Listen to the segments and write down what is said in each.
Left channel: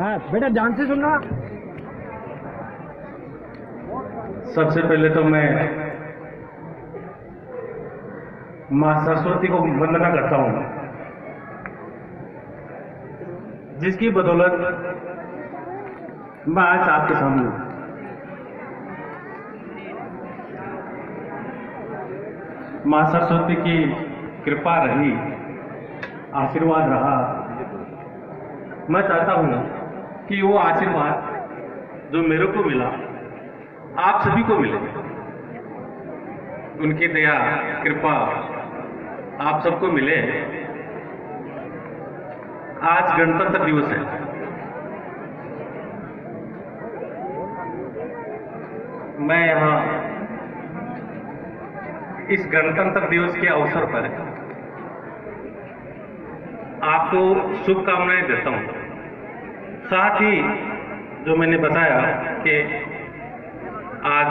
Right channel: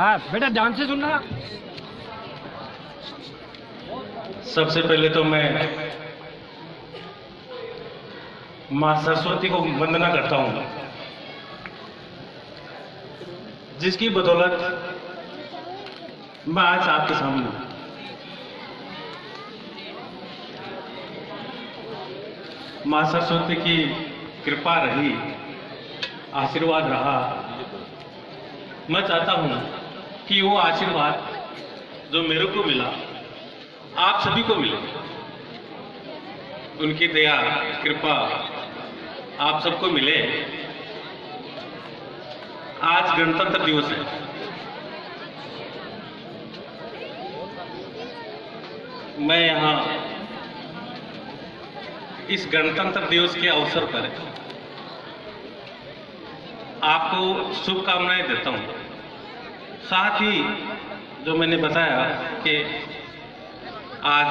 हाँ बेटा ध्यान से सुनना। सबसे पहले तो मैं माँ सरस्वती को वंदना करता हूँ, जिसकी बदौलत मैं आज आपके सामने हूँ। माँ सरस्वती की कृपा रही, आशीर्वाद रहा। मैं चाहता हूँ कि वो आशीर्वाद जो मेरे को मिला आप सभी को मिले। उनकी दया कृपा आप सबको मिले। आज गणतंत्र दिवस है। मैं यहाँ इस गणतंत्र दिवस के अवसर पर आपको शुभकामनाएं देता हूँ। साथ ही जो मैंने बताया कि आज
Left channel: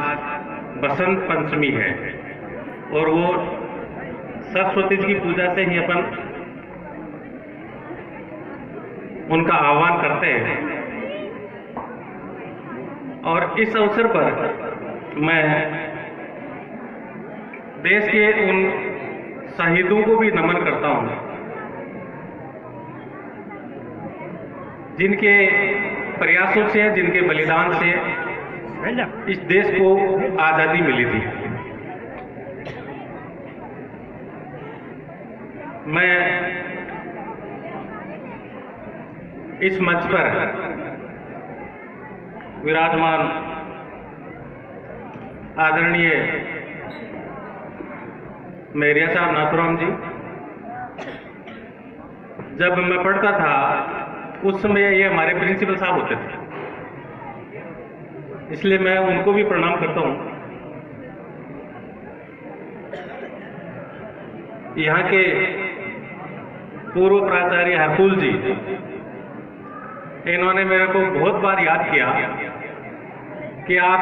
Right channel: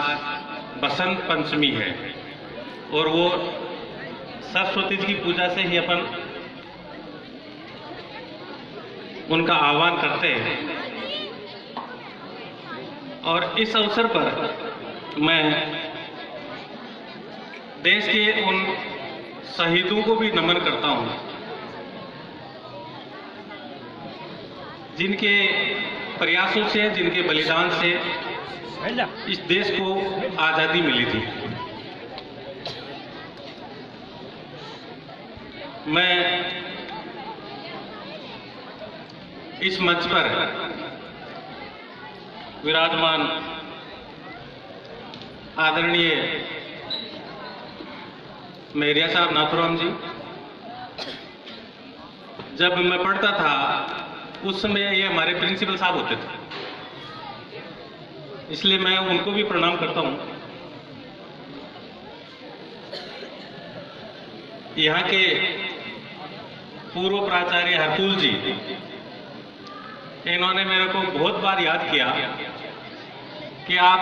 बसंत पंचमी है और वो सरस्वती जी की पूजा से ही अपन उनका आह्वान करते हैं। और इस अवसर पर मैं देश के उन शहीदों को भी नमन करता हूं, जिनके प्रयासों से, जिनके बलिदान से इस देश को आजादी मिली थी। मैं इस मंच पर विराजमान आदरणीय मेरिया साहब नाथुराम जी, जब मैं पढ़ता था उस समय ये हमारे प्रिंसिपल साहब होते थे, इसलिए मैं उनको भी प्रणाम करता हूं। यहाँ के पूर्व प्राचार्य हरकुल जी, इन्होंने मेरे को बहुत बार याद किया कि आप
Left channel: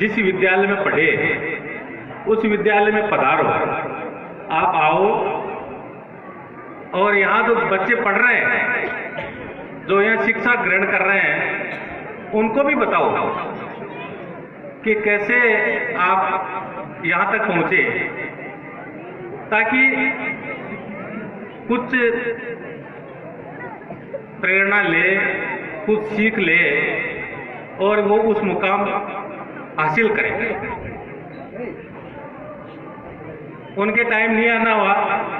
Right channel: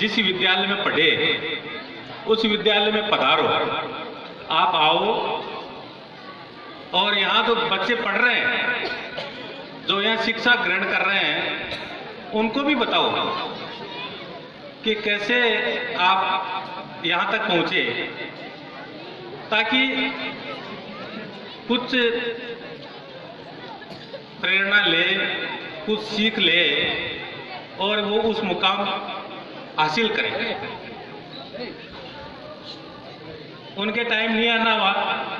जिस विद्यालय में पढ़े उस विद्यालय में पधारो, आप आओ और यहाँ जो बच्चे पढ़ रहे हैं, जो यहाँ शिक्षा ग्रहण कर रहे हैं, उनको भी बताओ कि कैसे आप यहाँ तक पहुंचे, ताकि कुछ प्रेरणा ले, कुछ सीख ले और वो उस मुकाम हासिल करें। उनके टाइम नहीं आना हुआ,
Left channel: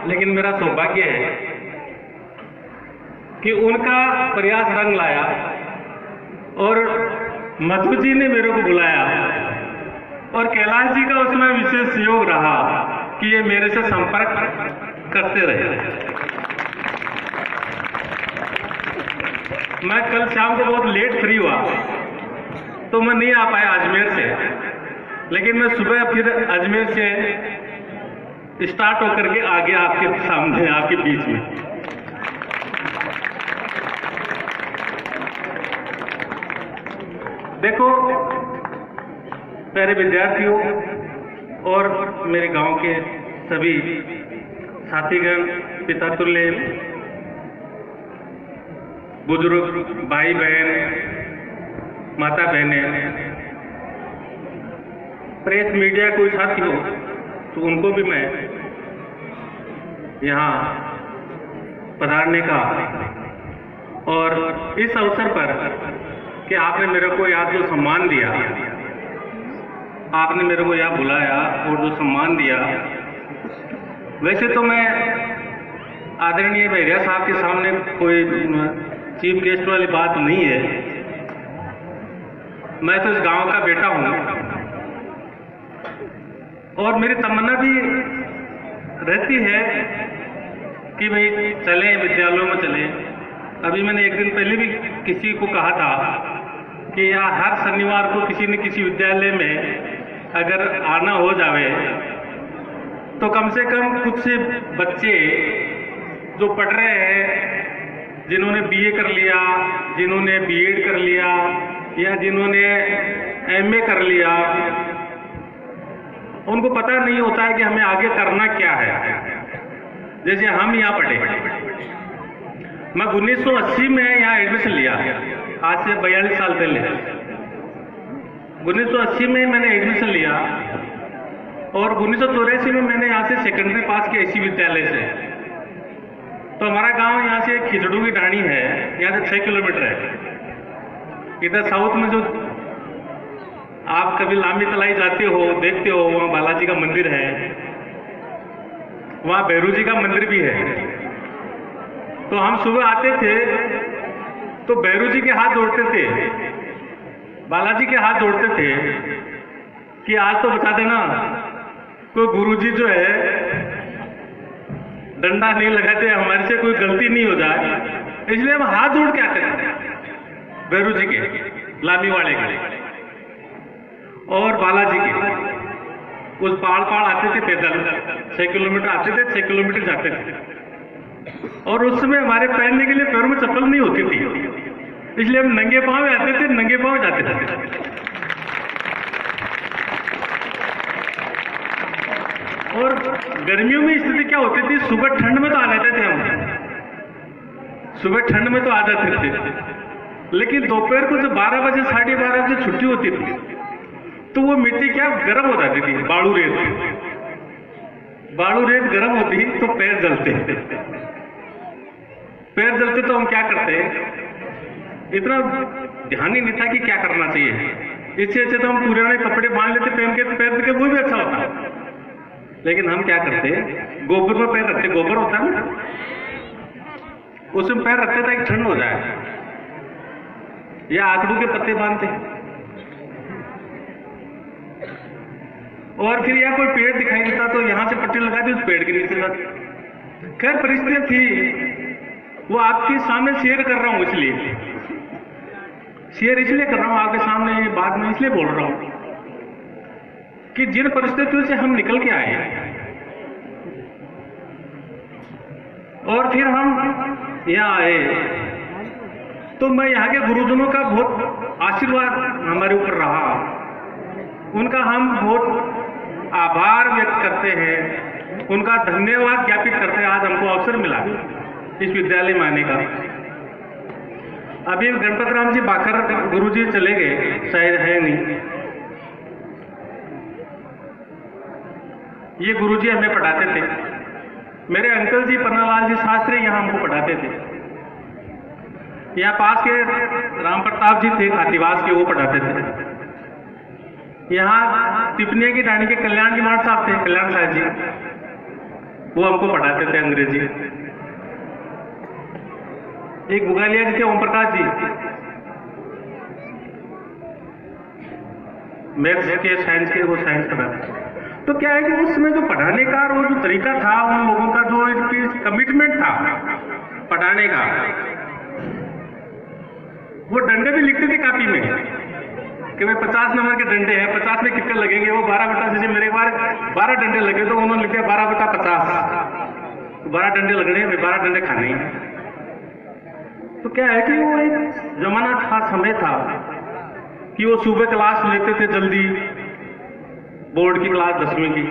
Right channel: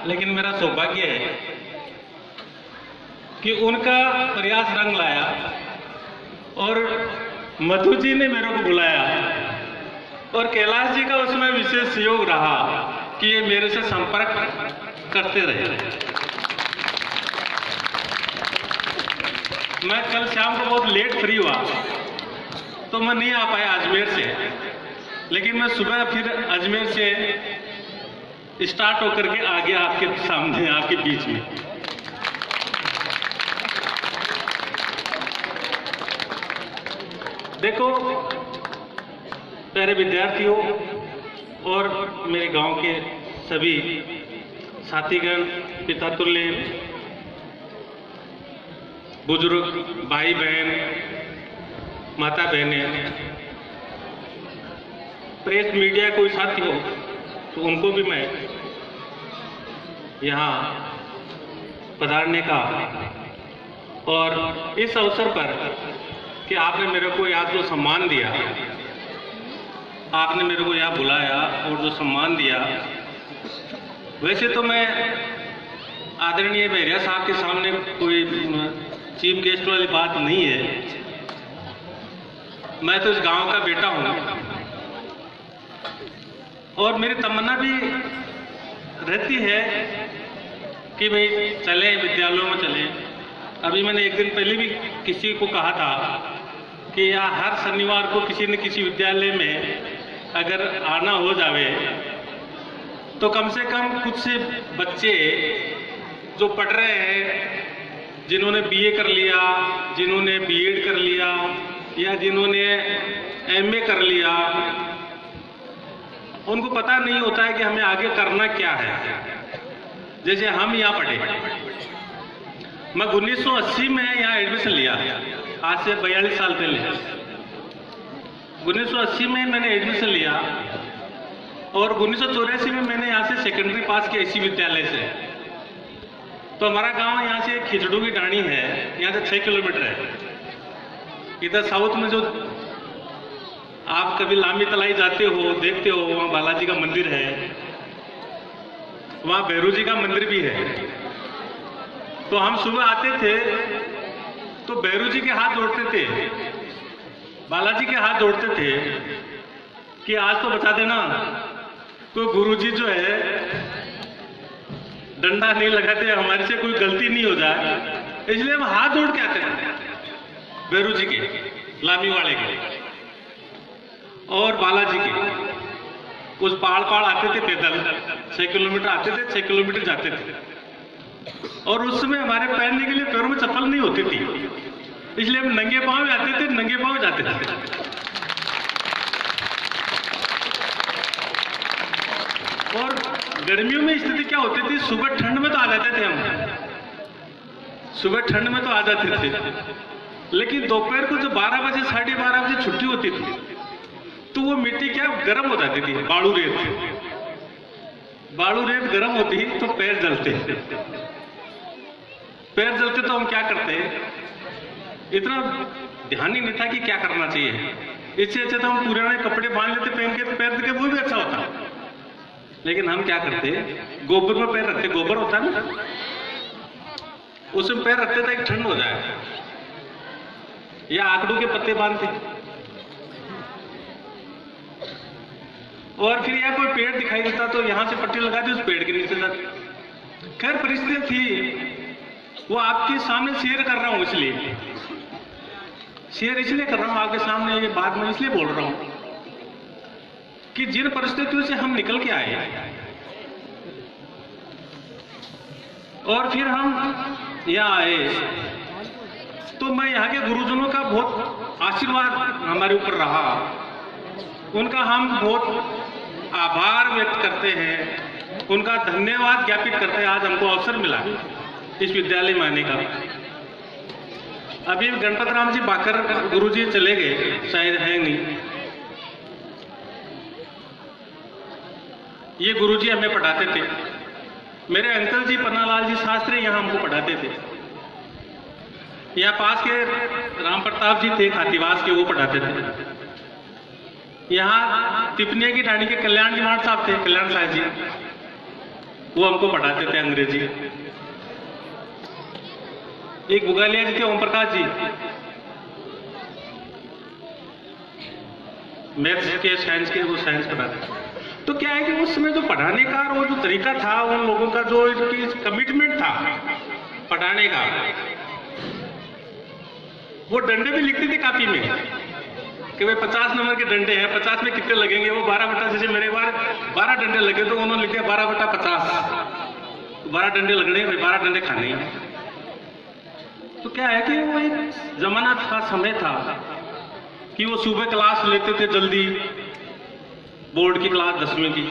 लेकिन मेरा सौभाग्य है कि उनका प्रयास रंग लाया और मधु जी ने मेरे को बुलाया और कैलाश जी का उसमें विशेष सहयोग रहा कि ये मेरे से संपर्क करते रहे। मैं कल शाम को बहुत लेट फ्री हुआ तो मैं नहीं आ पाया अजमेर से, लेकिन मैं सुबह फिर अजमेर से स्टार्ट होकर के आ गया आपके सामने, आपके बीच में। देखो प्यारे विद्यार्थियों और मेरे गांव के सभी साथीगण, पिता तुल्य बुजुर्ग, भाई बहन, माता बहनें, प्रेस मीडिया कोई साथी हो तो उनको भी मैं यहाँ पधारने का और इस अवसर पर कि आपने मेरे को यहाँ जो सम्मान दिया, आपने मेरे को यहाँ बुलाया और जो सम्मान दिया, वैसे तो मैं आदरणीय मेरिया साहब के सामने कोई चीफ गेस्ट वाली बात नहीं है। मैं तो इस गांव का बेटा हूं और मेरी तमन्ना भी रहती है कि भाई चले, विद्यालयों में चले। अभी मैंने एक दिन पहले भी किसी को कहा था कि यहाँ हर शनिवार को किसी न किसी विद्यालय में अगर आना हो जावे तो कम से कम कुछ से बच्चे जो पढ़ रहे हैं, जिन्होंने बीए कर लिया, जिन्होंने बीएड कर लिया या जिन्होंने एमए कर लिया, उनको पता नहीं होता है कि हमें आगे करना क्या है। जैसे हम यहाँ पढ़े, मैं 1980 में यहाँ एडमिशन लिया आज से 42 साल पहले 1980 में मैंने एडमिशन लिया और 1984 में मैंने यहाँ से सेकेंडरी पास किया इसी विद्यालय से। तो हमारा गांव यहाँ से खिचड़ू की डाणी है, यहाँ से 6 किलोमीटर है। इधर साउथ में जो आप कभी लामी तलाई जाते हो, देखते हो, वहाँ बालाजी का मंदिर है, वहाँ भैरू जी का मंदिर भी है। तो हम सुबह आते थे तो भैरू जी के हाथ जोड़ते थे, बालाजी के हाथ जोड़ते थे कि आज तो बता देना, कोई गुरुजी जो है डंडा नहीं लगाते, हमारे से कोई गलती नहीं हो जाए, इसलिए हम हाथ जोड़ के आते थे भैरू जी के, लामी वाले के और बालाजी के। उस पहाड़ आते थे पैदल, 6 किलोमीटर आते थे, 6 किलोमीटर जाते थे। और उस समय हमारे पहनने के लिए पैरों में चप्पल नहीं होती थी, इसलिए हम नंगे पांव में आते थे, नंगे पांव जाते थे। और गर्मियों में स्थिति क्या होती थी, सुबह ठंड में तो आ जाते थे हम, सुबह ठंड में तो आ जाते थे, लेकिन दोपहर को जो 12 बजे 12:30 बजे छुट्टी होती थी तो वो मिट्टी क्या गर्म हो जाती थी, बालू रेत गर्म होती तो पैर जलते, पैर जलते तो हम क्या करते, इतना ध्यान ही नहीं था कि क्या करना चाहिए। इससे अच्छे तो हम पुराने कपड़े बांध लेते पहन के, पैर के वो भी अच्छा होता। लेकिन हम क्या करते, गोबर में पैर रखते, गोबर होता है ना, उसमें पैर रखते ताकि ठंड हो जाए, या आकड़ू के पत्ते बांधते। और फिर या कोई पेड़ दिखाई देता तो यहां से पट्टी लगा दी, उस पेड़ के नीचे जाते। खैर परिस्थितियां थी, वो आपके सामने शेयर कर रहा हूं, इसलिए शेयर इसलिए कर रहा हूं आपके सामने, बात में इसलिए बोल रहा हूं कि जिन परिस्थितियों से हम निकल के आए और फिर हम यहाँ आए, तो मैं यहाँ के गुरुजनों का बहुत आशीर्वाद हमारे ऊपर रहा, उनका हम बहुत आभार व्यक्त करते हैं, उनका धन्यवाद ज्ञापित करते हैं। आज हमको अवसर मिला इस विद्यालय में आने का। अभी गणपत राम जी बाकर गुरुजी चले गए, शायद है नहीं, ये गुरुजी हमें पढ़ाते थे। मेरे अंकल जी पन्नालाल जी शास्त्री यहाँ हमको पढ़ाते थे। यहाँ पास के राम प्रताप जी थे खातीवास के, वो पढ़ाते थे। यहाँ तिपनिया की डाणी के कल्याण जी महाराज साहब थे, कल्याण साहब जी, वो हमको पढ़ाते थे अंग्रेजी। एक बुगालिया जी थे ओम प्रकाश जी, मैथ्स के साइंस के, वो साइंस पढ़ाते। तो क्या है कि उस समय जो पढ़ाने का और वो जो तरीका था, उन लोगों का जो कमिटमेंट था पढ़ाने का, वो डंडे भी लिखते थे कापी में कि भाई 50 नंबर के डंडे हैं, 50 में कितने लगेंगे, वो 12 बटा, जैसे मेरे बार 12 डंडे लगे तो उन्होंने लिखा 12/50, 12 डंडे लगने, 12 डंडे खाने हैं। तो क्या है कि वो एक जमाना था, समय था कि वो सुबह क्लास लेते थे जल्दी, बोर्ड की क्लास 10वीं की,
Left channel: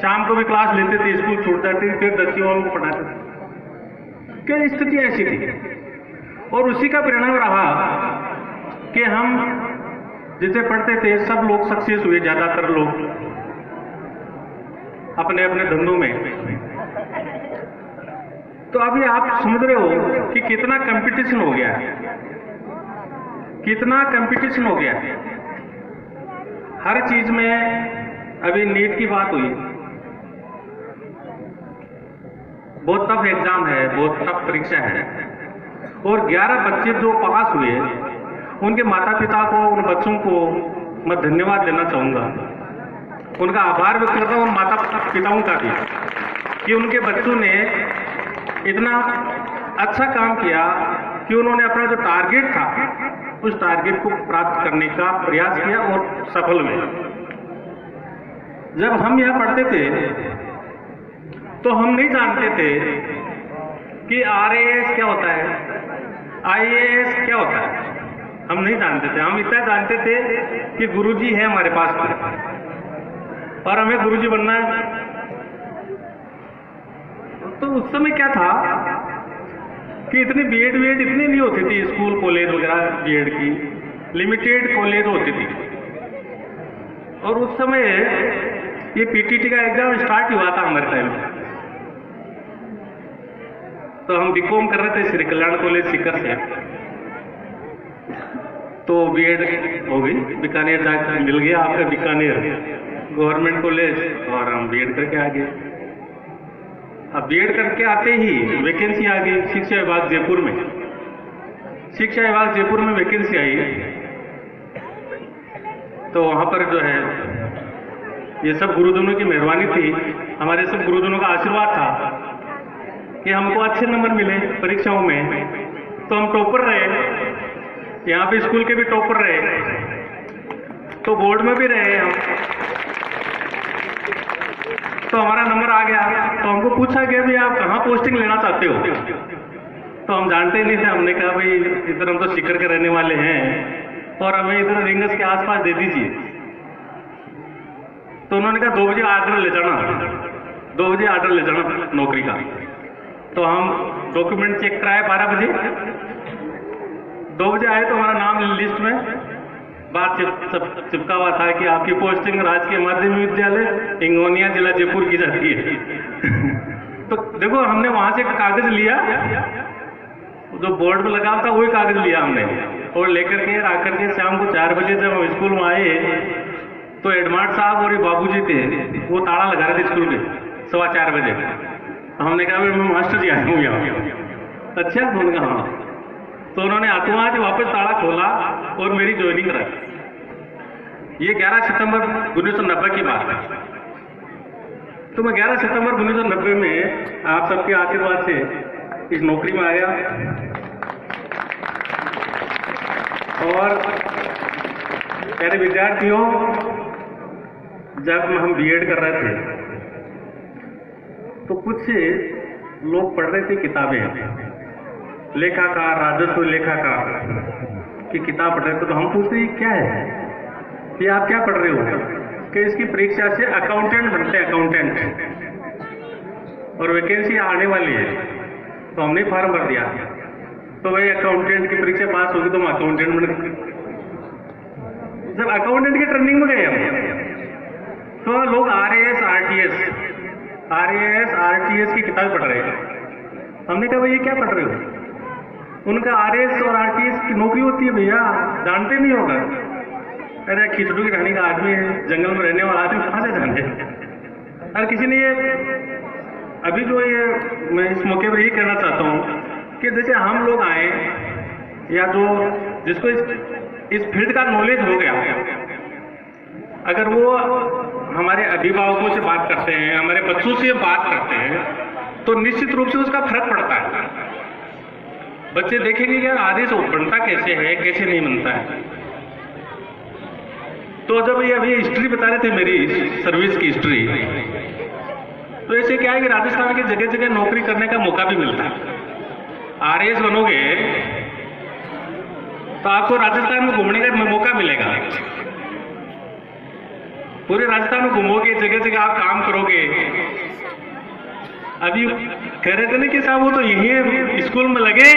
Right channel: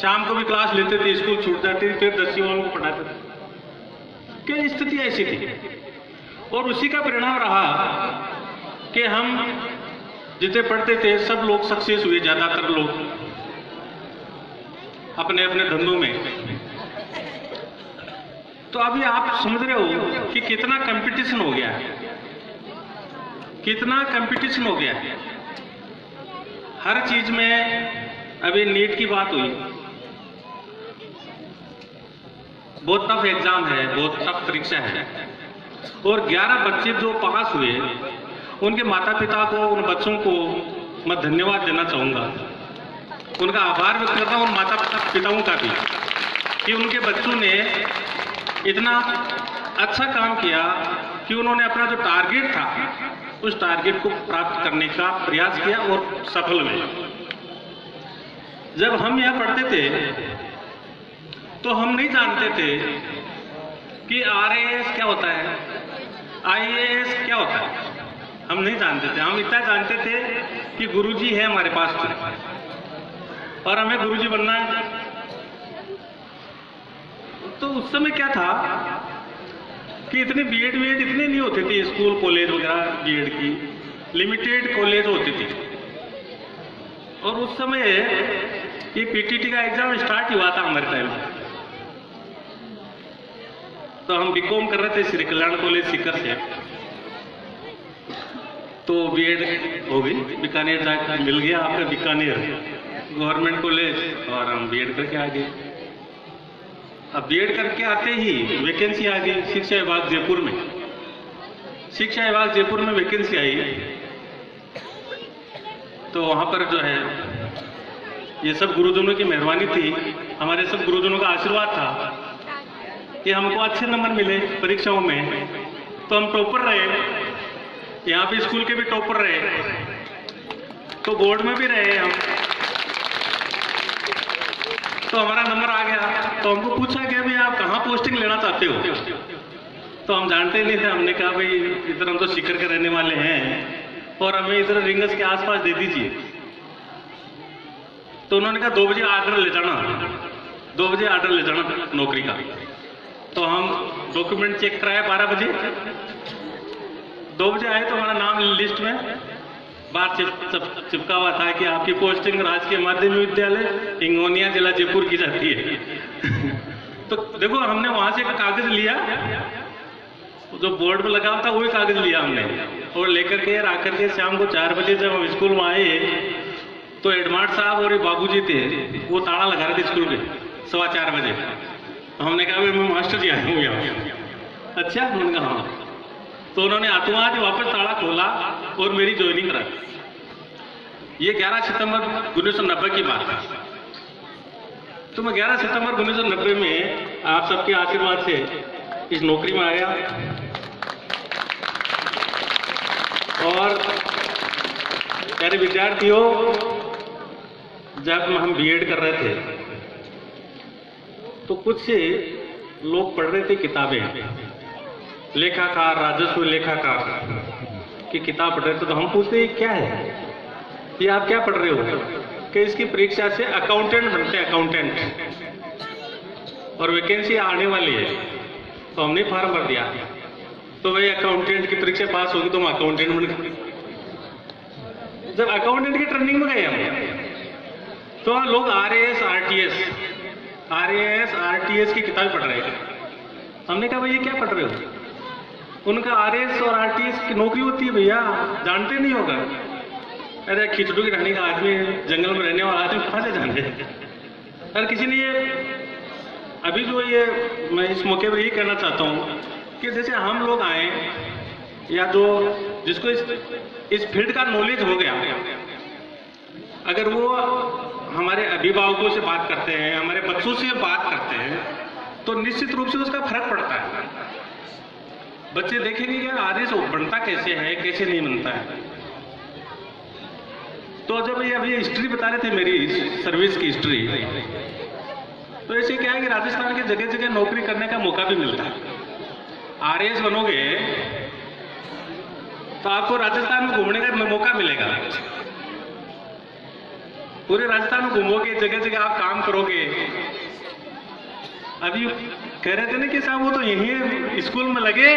शाम को भी क्लास लेते थे, स्कूल छूट जाते थे, फिर 10वीं वालों को पढ़ाते थे। क्या स्थिति ऐसी थी, और उसी का परिणाम रहा कि हम जितने पढ़ते थे सब लोग सक्सेस हुए, ज्यादातर लोग अपने अपने धंधों में। तो अभी आप समझ रहे हो कि कितना कंपटीशन हो गया है, कितना कंपटीशन हो गया है हर चीज में। अभी नीट की बात हुई, बहुत टफ एग्जाम है, बहुत टफ परीक्षा है, और 11 बच्चे जो पास हुए, उनके माता पिता को, उन बच्चों को मैं धन्यवाद देना चाहूंगा, उनका आभार व्यक्त कर रहा हूं, माता पिताओं का भी, कि उनके बच्चों ने इतना अच्छा काम किया कि उन्होंने अपना जो टारगेट था उस टारगेट को प्राप्त करने का प्रयास किया और सफल हुए। जब हम यहाँ पढ़ते थे तो हम नहीं जानते थे कि RAS क्या होता है, IAS क्या होता है, हम नहीं जानते थे। हम इतना जानते थे कि गुरुजी है हमारे पास और हमें गुरुजी बनना है। तो उस समय क्या था कि इतनी बीएड इतनी नहीं होती थी, स्कूल कॉलेज वगैरह बीएड की लिमिटेड कॉलेज होती थी। और उस समय ये पीटीटी का एग्जाम स्टार्ट हुआ था हमारे टाइम में। तो हम बीकॉम कर रहे थे श्री कल्याण कॉलेज सीकर से, तो बीएड हो गई, बीकानेर जाकर मिल गया आपका बीकानेर गवर्नमेंट कॉलेज, और हम बीएड करके आ गए। अब बीएड करके आते ही वैकेंसी आ गई शिक्षा विभाग जयपुर में। शिक्षा विभाग जयपुर में वैकेंसी आई, तो वहां पर जो है ये सब गुरुजनों की मेहरबानी थी, हमारे सब गुरुजनों का आशीर्वाद था कि हमको अच्छे नंबर मिले परीक्षाओं में, तो हम टॉपर रहे, यहाँ पे स्कूल के भी टॉपर रहे, तो बोर्ड में भी रहे हम। तो हमारा नंबर आ गया, तो हमको पूछा गया भी आप कहाँ पोस्टिंग लेना चाहते हो। तो हम जानते ही नहीं थे, हमने कहा भाई इधर हम तो सीकर के रहने वाले हैं और हमें इधर रिंगस के आसपास दे दीजिए। तो उन्होंने कहा 2 बजे आर्डर ले जाना, 2 बजे आर्डर ले जाना नौकरी का। तो हम डॉक्यूमेंट चेक कराए 12 बजे, 2 बजे आए तो हमारा नाम लिस्ट में बाहर चिपका हुआ था कि आपकी पोस्टिंग राजकीय माध्यमिक विद्यालय हिंगोनिया जिला जयपुर की जाती है। तो देखो हमने वहां से कागज लिया, जो बोर्ड में लगा था वही कागज लिया हमने, और लेकर के आकर के शाम को 4 बजे जब हम स्कूल में आए तो हेडमास्टर साहब और बाबूजी थे, वो ताला लगा रहे थे स्कूल में 4:15 बजे। हमने कहा मैं मास्टर जी आए हूँ यहाँ। अच्छा, उन्होंने कहा हाँ। तो उन्होंने हाथों हाथ वापस ताला खोला और मेरी ज्वाइनिंग कराई। ये 11 सितंबर 1990 की बात है। तो मैं 11 सितंबर 1990 में आप सबके आशीर्वाद से इस नौकरी में आया। और प्यारे विद्यार्थियों, जब हम बीएड कर रहे थे तो कुछ लोग पढ़ रहे थे किताबें, लेखाकार, राजस्व लेखाकार की किताब पढ़ रहे थे। तो हम पूछते हैं क्या है ये, आप क्या पढ़ रहे हो? कि इसकी परीक्षा से अकाउंटेंट बनते हैं, अकाउंटेंट, और वैकेंसी आने वाली है। तो हमने फॉर्म भर दिया। तो भाई अकाउंटेंट की परीक्षा पास होगी तो हम अकाउंटेंट बन गए। जब अकाउंटेंट की ट्रेनिंग में गए हम तो लोग आरएएस आरटीएस की किताब पढ़ रहे हैं। हमने कहा भाई ये क्या पढ़ रहे हो? उनका आरएएस और आरटीएस की नौकरी होती है भैया, जानते नहीं होगा। अरे खिचड़ू की रानी का आदमी है, जंगल में रहने वाला आदमी कहाँ से जाने। अरे किसी ने ये अभी जो ये मैं इस मौके पर यही कहना चाहता हूँ कि जैसे हम लोग आए या जो जिसको इस फील्ड का नॉलेज हो गया, अगर वो हमारे अभिभावकों से बात करते हैं, हमारे बच्चों से बात करते हैं, तो निश्चित रूप से उसका फर्क पड़ता है। बच्चे देखेंगे कि आदेश बनता कैसे है, कैसे नहीं बनता है। तो जब ये अभी हिस्ट्री बता रहे थे मेरी सर्विस की हिस्ट्री, तो ऐसे क्या है कि राजस्थान के जगह जगह नौकरी करने का मौका भी मिलता है। आरएएस बनोगे तो आपको राजस्थान में घूमने का मौका मिलेगा। पूरे राजस्थान में घूमोगे, जगह जगह आप काम करोगे। अभी कह रहे थे ना कि साहब वो तो यहीं स्कूल में लगे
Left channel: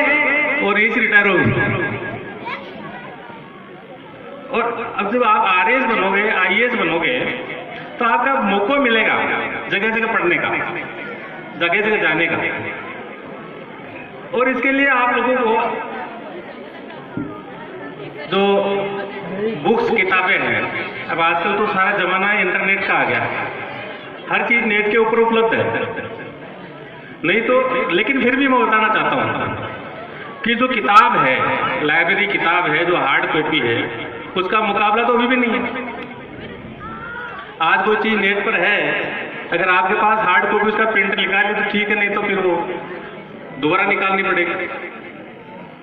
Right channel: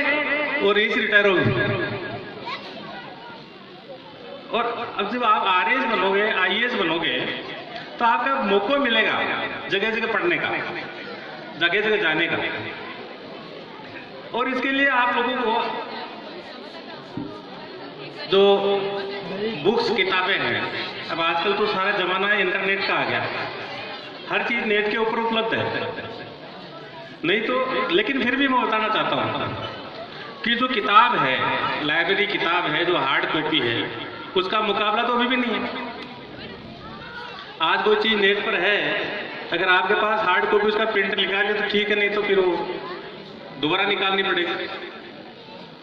और यहीं से रिटायर हो गए। और अब जब आप आरएएस बनोगे, आईएएस बनोगे, तो आपका मौका मिलेगा जगह जगह पढ़ने का, जगह जगह जाने का। और इसके लिए आप लोगों को जो बुक्स, किताबें हैं, अब आजकल तो सारा जमाना इंटरनेट का आ गया, हर चीज नेट के ऊपर उपलब्ध है। नहीं तो, लेकिन फिर भी मैं बताना चाहता हूं कि जो किताब है, लाइब्रेरी किताब है, जो हार्ड कॉपी है, उसका मुकाबला तो अभी भी नहीं है। आज कोई चीज नेट पर है, अगर आपके पास हार्ड कॉपी उसका प्रिंट निकाल ले तो ठीक है, नहीं तो फिर वो दोबारा निकालनी पड़ेगी।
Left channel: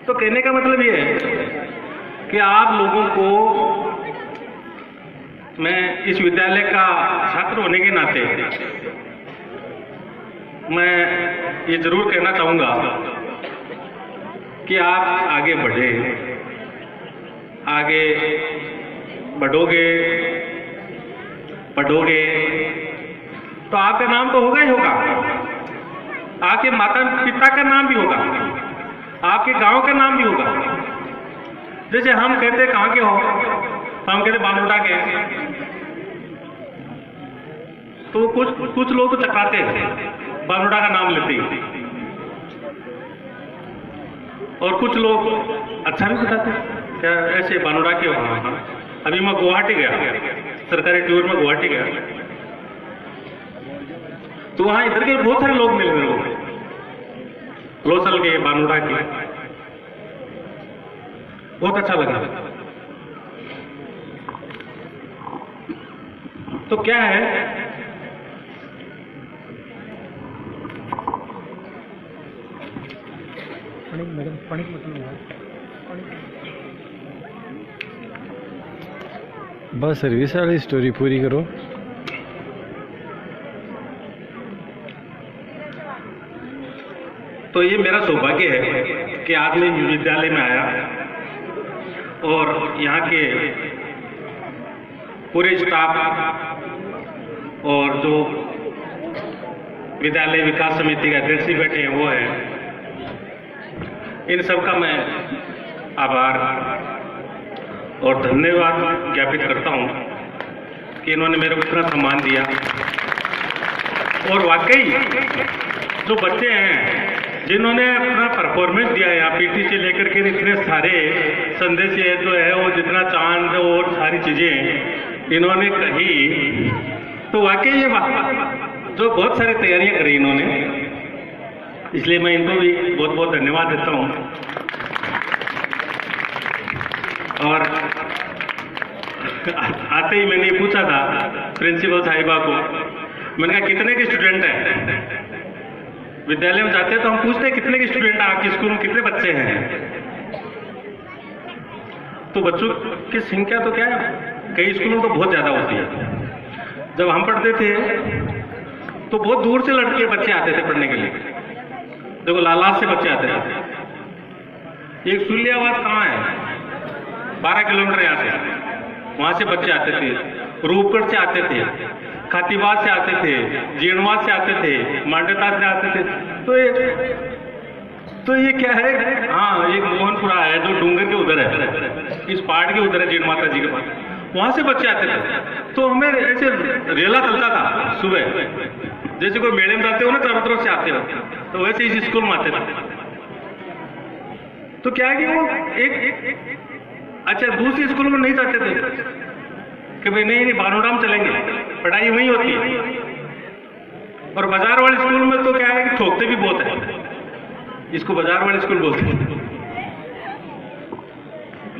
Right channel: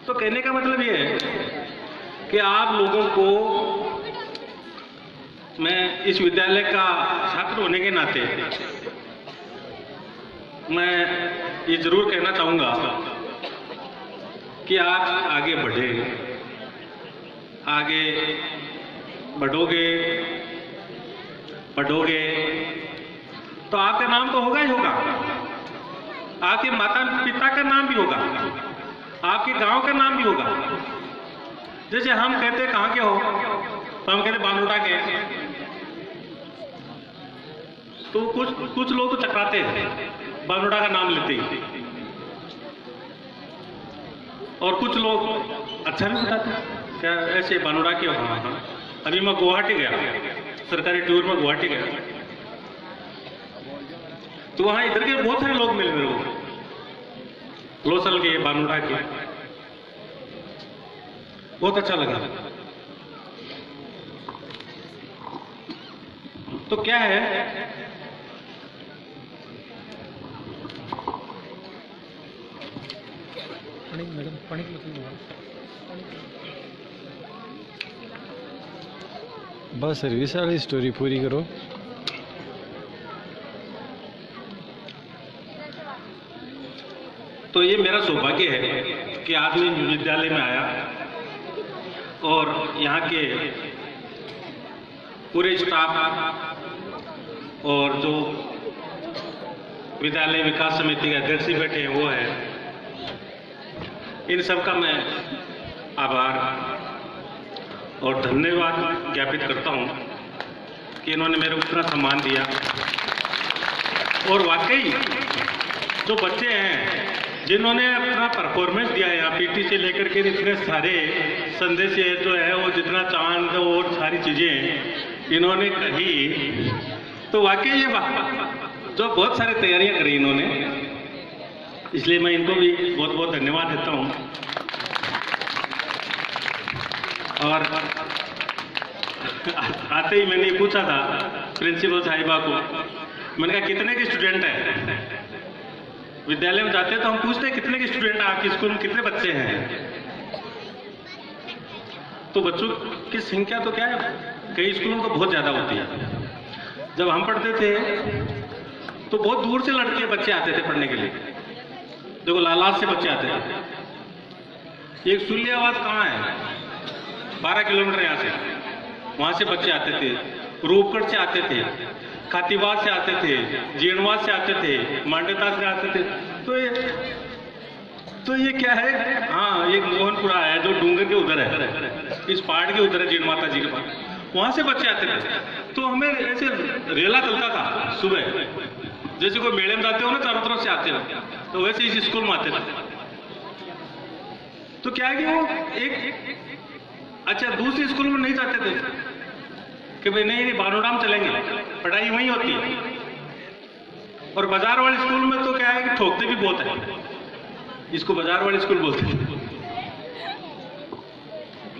तो कहने का मतलब ये है कि आप लोगों को मैं इस विद्यालय का छात्र होने के नाते मैं ये जरूर कहना चाहूंगा कि आप आगे बढ़े, आगे बढ़ोगे, पढ़ोगे तो आपका नाम तो होगा ही होगा, आपके माता पिता का नाम भी होगा। आपके गांव का नाम भी होगा। जैसे हम कहते कहाँ के हो, तो हम कहते बानोटा के हैं, तो कुछ लोग तो चकराते हैं बानोटा का नाम लेते ही, और कुछ लोग अच्छा भी बताते हैं, क्या ऐसे बानोटा के हो। हाँ, अभी मैं गुवाहाटी गया, सरकारी टूर में गुवाहाटी गया, तो वहाँ इधर के बहुत सारे लोग मिले मेरे को, लोसल के, बानोटा के, बहुत अच्छा लगा। तो क्या है, बस सर्विस वाली स्टोरी पूरी करो। तो ये मेरा सौभाग्य है कि आज मैं विद्यालय में आया और यहाँ के पूरे स्टाफ और जो विद्यालय विकास समिति के अध्यक्ष भी बैठे हैं वो हैं, इन सब का मैं आभार और धन्यवाद ज्ञापित करता हूँ कि इन्होंने मेरे को इतना सम्मान दिया। और वाकई जो बच्चे हैं जिन्होंने अपना परफॉर्मेंस दिया है, यहाँ पीटी से लेकर के इतने सारे संदेश जो है वो जितना चांद और सारी चीज़ें इन्होंने कही, तो वाकई ये जो बहुत सारी तैयारियां करी इन्होंने, इसलिए मैं इनको भी बहुत बहुत धन्यवाद देता हूँ। और आते ही मैंने पूछा था प्रिंसिपल साहिबा को, मैंने कहा कितने के स्टूडेंट हैं? विद्यालय में जाते हैं तो हम पूछते हैं कितने के स्टूडेंट हैं आपके स्कूल में, कितने बच्चे हैं? तो बच्चों की संख्या तो क्या है, कई स्कूलों में तो बहुत ज़्यादा होती है। जब हम पढ़ते थे तो बहुत दूर से लड़के बच्चे आते थे पढ़ने के लिए, देखो लालास से बच्चे आते थे। एक सुलियाबाद कहाँ है, 12 किलोमीटर यहाँ से, वहाँ से बच्चे आते थे, रूपगढ़ से आते थे, खातीबाद से आते थे, जीणवाद से आते थे, मांडता से आते थे। तो ये क्या है, हाँ ये मोहनपुरा है जो डूंगर के उधर है, इस पहाड़ के उधर है, जीण माता जी के पास, वहाँ से बच्चे आते थे। तो हमें ऐसे रेला चलता था सुबह, जैसे कोई मेले में जाते हो ना चारों तरफ से आते हो, तो वैसे इस स्कूल में आते थे। तो क्या है कि वो एक अच्छा दूसरे स्कूल में नहीं जाते थे कि भाई नहीं बानोड़ा में चलेंगे, पढ़ाई वहीं होती है। और बाजार वाले स्कूल में तो क्या है कि ठोकते भी बहुत है, इसको बाजार वाले स्कूल बोलते हैं।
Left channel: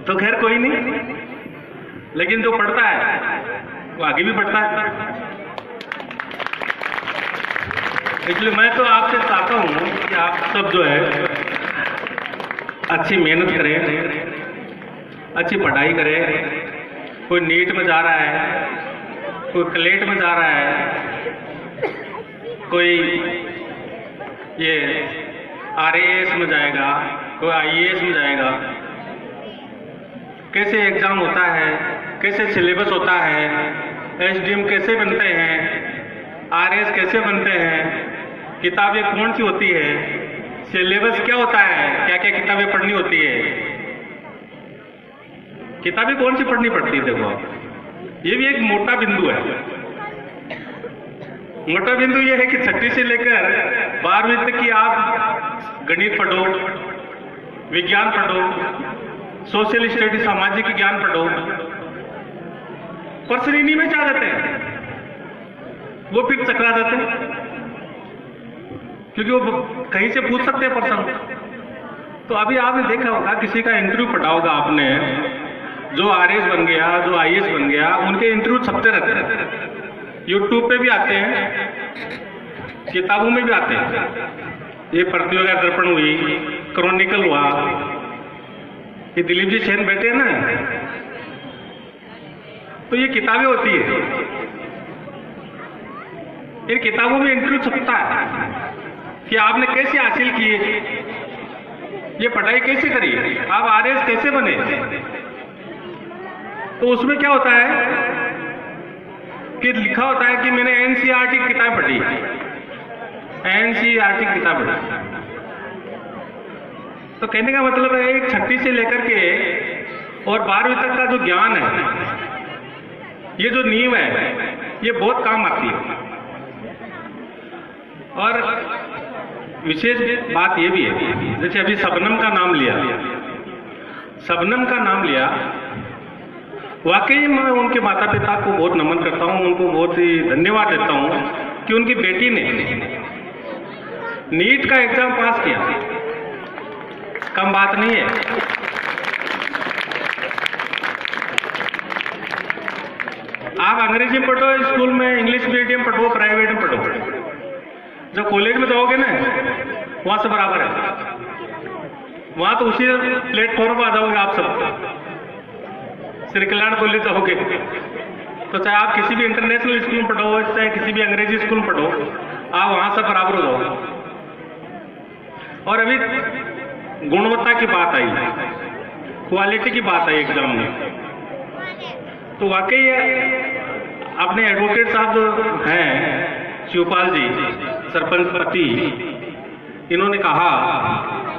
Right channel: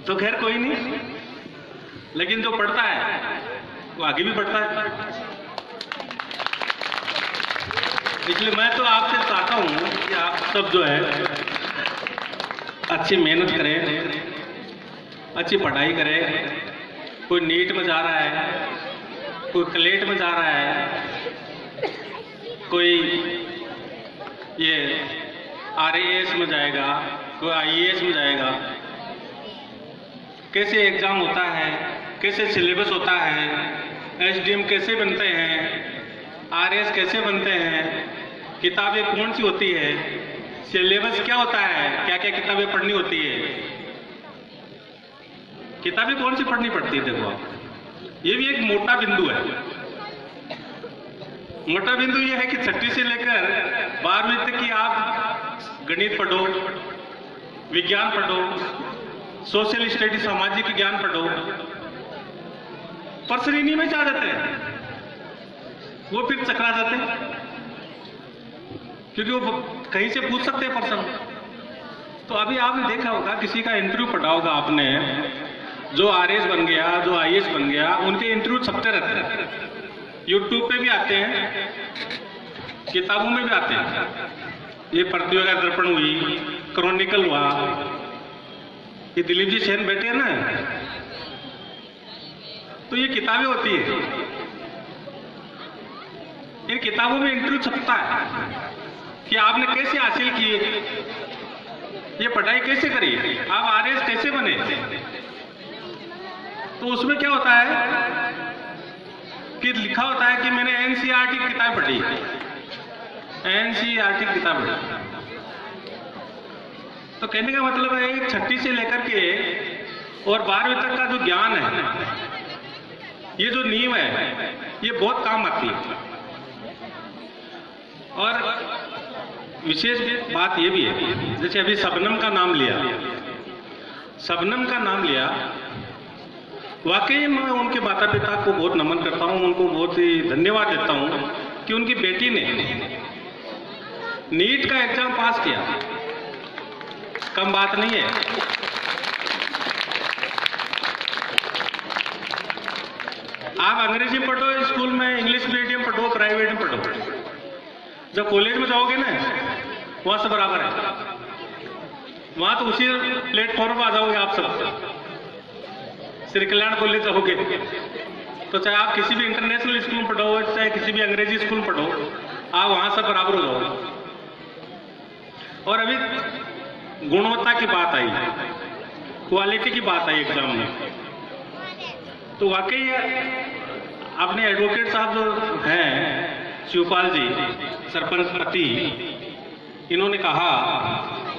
तो खैर कोई नहीं, लेकिन जो पढ़ता है वो आगे भी बढ़ता है। इसलिए मैं तो आपसे चाहता हूँ कि आप सब जो है अच्छी मेहनत करें, अच्छी पढ़ाई करें। कोई नीट में जा रहा है, कोई क्लेट में जा रहा है, कोई ये RAS में जाएगा, कोई IAS में जाएगा। कैसे एग्जाम होता है, कैसे सिलेबस होता है, SDM कैसे बनते हैं, RS कैसे बनते हैं, किताबें कौन सी होती है, सिलेबस क्या होता है, क्या क्या किताबें पढ़नी होती है, किताबें कौन सी पढ़नी पड़ती है। देखो ये भी एक मोटा बिंदु है। मोटा बिंदु ये है कि 6वीं से लेकर 12वीं तक की आप गणित पढ़ो, विज्ञान पढ़ो, सोशल स्टडी सामाजिक ज्ञान पढ़ो, पर श्रेणी में जा जाते हैं, वो फिर चकरा जाते हैं, क्योंकि वो कहीं से पूछ सकते हैं प्रश्न। तो अभी आपने देखा होगा, किसी का इंटरव्यू पढ़ा होगा आपने, जो RS बन गया, जो IAS बन गया, उनके इंटरव्यू छपते रहते हैं, यूट्यूब पे भी आते हैं, किताबों में भी आते हैं। ये प्रतियोगिता दर्पण हुई, क्रॉनिकल हुआ, ये दिलीप जी सेन बैठे हैं ना, तो ये किताबें होती है। इन किताबों में इंटरव्यू छपता है कि आपने कैसे हासिल किए, ये पढ़ाई कैसे करी, आप RS कैसे बने। तो उसमें क्या होता है कि लिखा होता है कि मैंने NCERT की किताब पढ़ी, NCERT की किताब पढ़ी। तो कहने का मतलब है एक छठी से लेकर के और 12वीं तक का जो ज्ञान है, ये जो नींव है, ये बहुत काम आती है। और विशेष बात ये भी है, जैसे अभी शबनम का नाम लिया, शबनम का नाम लिया, वाकई मैं उनके माता पिता को बहुत नमन करता हूँ, उनको बहुत ही धन्यवाद देता हूँ कि उनकी बेटी ने नीट का एग्जाम पास किया। कम बात नहीं है। आप अंग्रेजी पढ़ो स्कूल में, इंग्लिश मीडियम पढ़ो, प्राइवेट में पढ़ो, जब कॉलेज में जाओगे ना वहां से बराबर है, वहां तो उसी प्लेटफॉर्म पर आ जाओगे आप सब। श्री कल्याण कॉलेज जाओगे तो चाहे आप किसी भी इंटरनेशनल स्कूल में पढ़ो, चाहे किसी भी अंग्रेजी स्कूल में पढ़ो, आप वहां से बराबर हो जाओगे। और अभी गुणवत्ता की बात आई, क्वालिटी की बात आई एग्जाम में, तो वाकई अपने एडवोकेट साहब जो हैं शिवपाल जी, सरपंच पति, इन्होंने कहा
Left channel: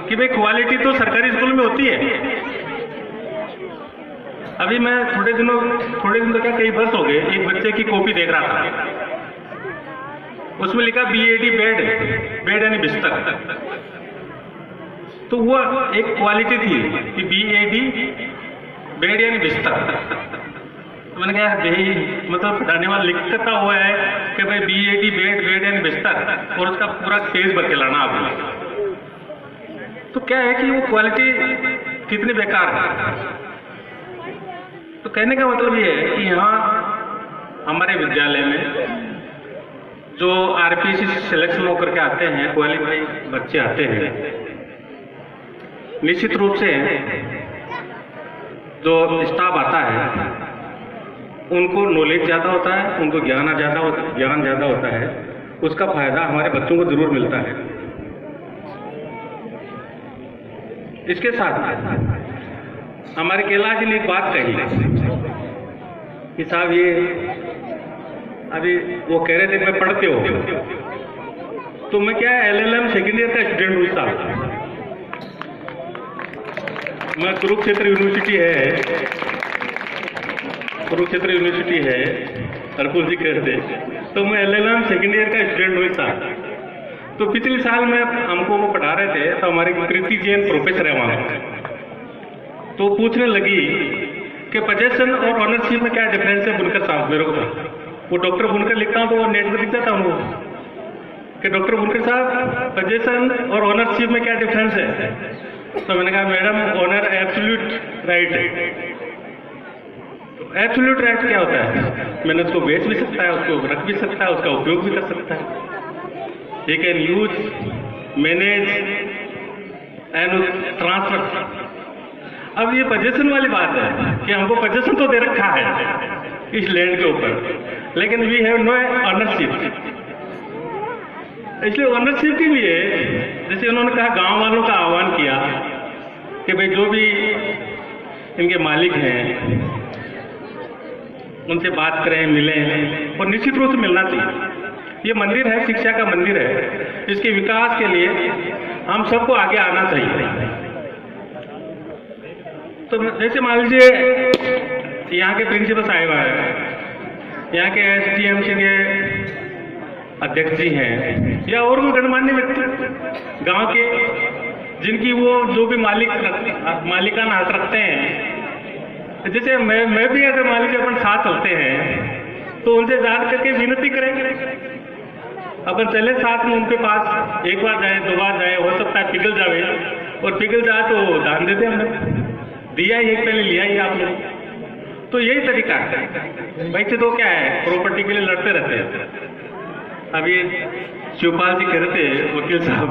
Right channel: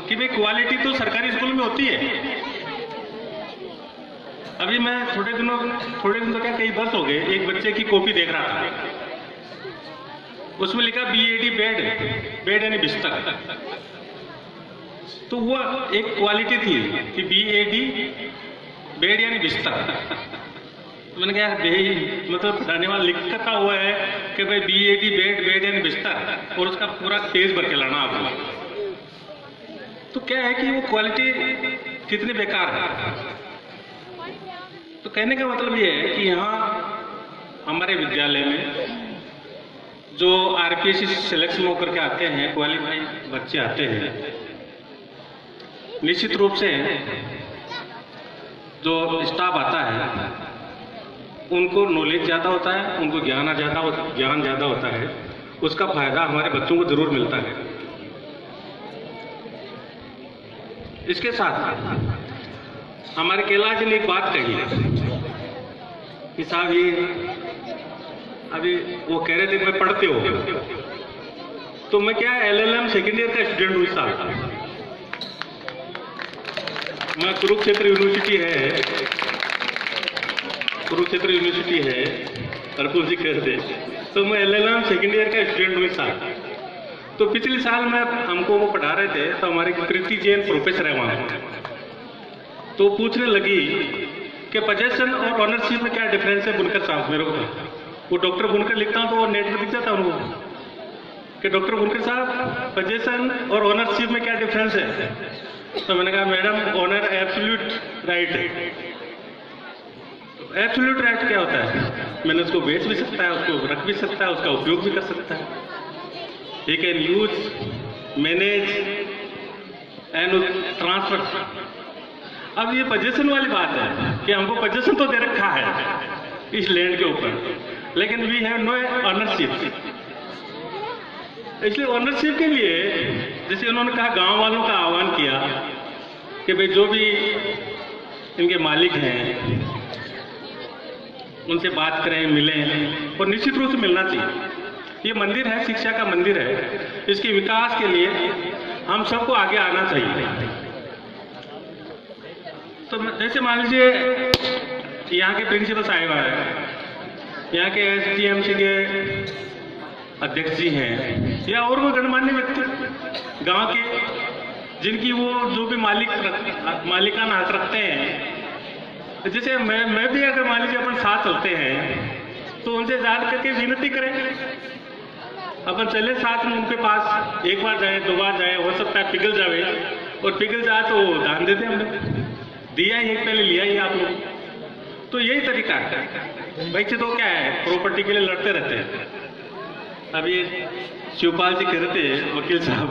कि भाई क्वालिटी तो सरकारी स्कूल में होती है। अभी मैं थोड़े दिन तो क्या कई वर्ष हो गए, एक बच्चे की कॉपी देख रहा था, उसमें लिखा BAD बेड यानी बिस्तर। तो वो एक क्वालिटी थी कि BAD बेड यानी बिस्तर। तो मैंने कहा भाई मतलब पढ़ाने वाला लिखता हुआ है कि भाई BAD बेड यानी बिस्तर, और उसका पूरा पेज भर के लाना आपको। तो क्या है कि वो क्वालिटी कितनी बेकार है। तो कहने का मतलब ये है कि यहाँ हमारे विद्यालय में जो RPSC सिलेक्शन होकर के आते हैं, क्वालिफाइड बच्चे आते हैं, निश्चित रूप से जो स्टाफ आता है उनको नॉलेज ज़्यादा होता है, उनको ज्ञान ज़्यादा होता है, उसका फायदा हमारे बच्चों को जरूर मिलता है। इसके साथ हमारे कैलाश जी ने एक बात कही कि साहब ये अभी वो कह रहे थे मैं पढ़ते हो, तो मैं क्या LLM सेकेंड ईयर का स्टूडेंट हूँ साहब। मैं कुरुक्षेत्र यूनिवर्सिटी है, अर्पुल जी कहते, तो मैं LLM सेकेंड ईयर का स्टूडेंट हूँ साहब। तो पिछले साल में हमको वो पढ़ा रहे थे, तो हमारी कृति जैन प्रोफेसर है वहाँ, तो पूछने लगी कि पोजेशन और ऑनरशिप में क्या डिफरेंस है बुनकर साहब। मेरे को वो डॉक्टर बुनकर लिखता हूँ तो वो नेट पर दिख जाता उनको कि डॉक्टर बुनकर साहब पोजेशन और ऑनरशिप में क्या डिफरेंस है। तो मैंने कहा मैडम ऑनर एब्सोल्यूट राइट है। एब्सोल्यूट राइट क्या होता है? मैंने उसको बेच भी सकता है, उसको रख भी सकता है, उसका उपयोग भी कर सकता है। ये can use, manage and transfer. अब ये पोजेशन वाली बात है कि हमको पोजेशन तो दे रखा है इस लैंड के ऊपर, लेकिन वी हैव नो ऑनरशिप। इसलिए ऑनरशिप के लिए जैसे उन्होंने कहा, गांव वालों का आह्वान किया कि भाई जो भी इनके मालिक हैं उनसे बात करें, मिलें, और निश्चित रूप से मिलना चाहिए। ये मंदिर है, शिक्षा का मंदिर है, इसके विकास के लिए हम सबको आगे आना चाहिए। तो जैसे मान लीजिए यहाँ के प्रिंसिपल साहिब हैं, यहाँ के SDMC के अध्यक्ष जी हैं, या और भी गणमान्य व्यक्ति गांव के, जिनकी वो जो भी मालिकाना हक रखते हैं। जैसे मैं भी अगर मान लीजिए अपन साथ चलते हैं तो उनसे जान करके विनती करेंगे, अपन चले साथ में उनके पास, एक बार जाए, 2 बार जाए, हो सकता है पिघल जाए, और पिघल जाए तो दान देते हैं। हमने दिया ही, पहले लिया ही आप लोग। तो यही तरीका है। भाई से तो क्या है, प्रॉपर्टी के लिए लड़ते रहते हैं। अभी शिवपाल जी कह रहे थे वकील साहब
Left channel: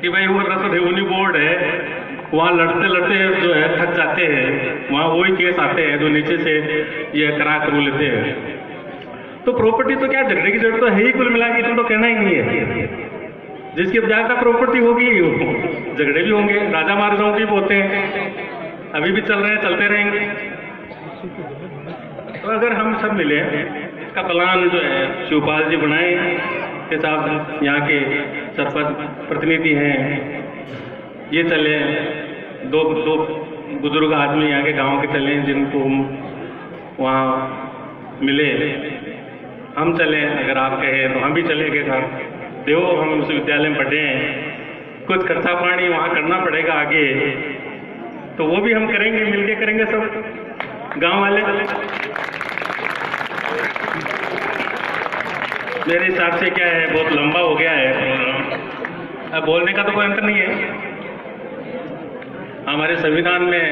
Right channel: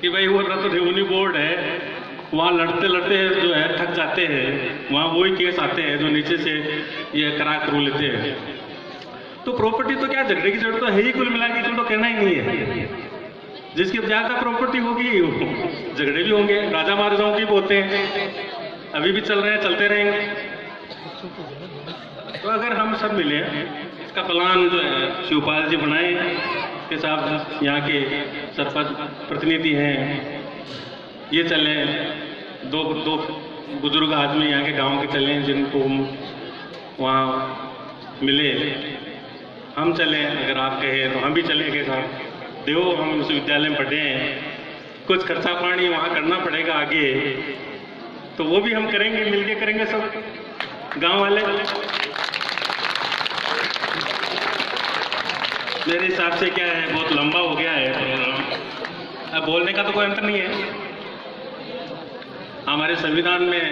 कि भाई वो रेवेन्यू बोर्ड है, वहाँ लड़ते लड़ते जो है थक जाते हैं, वहाँ वही केस आते हैं जो नीचे से ये करा करू लेते हैं। तो प्रॉपर्टी तो क्या झगड़े की जरूरत तो है ही, कुल मिला के इसमें तो कहना ही नहीं है। जिसकी ज्यादा प्रॉपर्टी होगी झगड़े भी होंगे, राजा महाराजाओं भी होते हैं, अभी भी चल रहे हैं, चलते रहेंगे। तो अगर हम सब मिले, इसका प्लान जो है शिवपाल जी बनाए के साथ यहाँ के सरपंच प्रतिनिधि हैं, ये चले, दो दो बुजुर्ग आदमी यहाँ के गांव के चले जिनको हम वहाँ मिले, हम चले, अगर आप कहें तो हम भी चलेंगे साहब। देखो हम उस विद्यालय में पढ़े हैं, कुछ खर्चा पानी वहाँ करना पड़ेगा आगे, तो वो भी हम करेंगे, मिलके करेंगे सब गांव वाले। मेरे हिसाब से क्या है, बहुत लंबा हो गया है प्रोग्राम, अब बोलने का तो कोई अंत नहीं है। हमारे संविधान में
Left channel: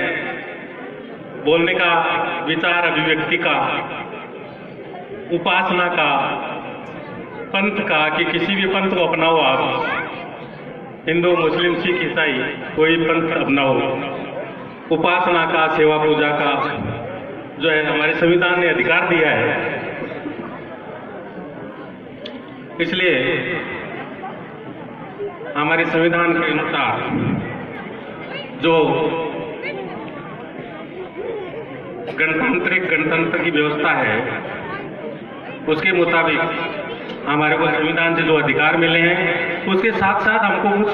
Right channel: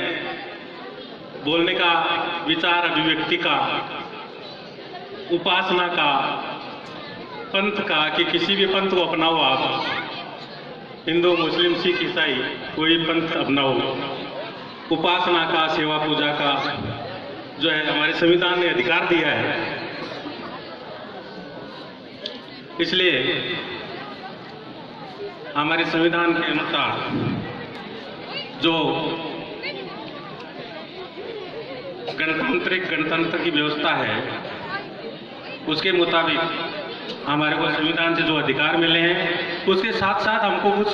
बोलने का, विचार अभिव्यक्ति का, उपासना का, पंथ का, कि किसी भी पंथ को अपनाओ आप, हिंदू मुस्लिम सिख ईसाई कोई पंथ अपनाओ, उपासना का, सेवा पूजा का जो है हमारे संविधान ने अधिकार दिया है। इसलिए हमारे संविधान के अनुसार जो गणतंत्र की व्यवस्था है, उसके मुताबिक हमारे को संविधान से जो अधिकार मिले हैं, उसके साथ साथ हमको कुछ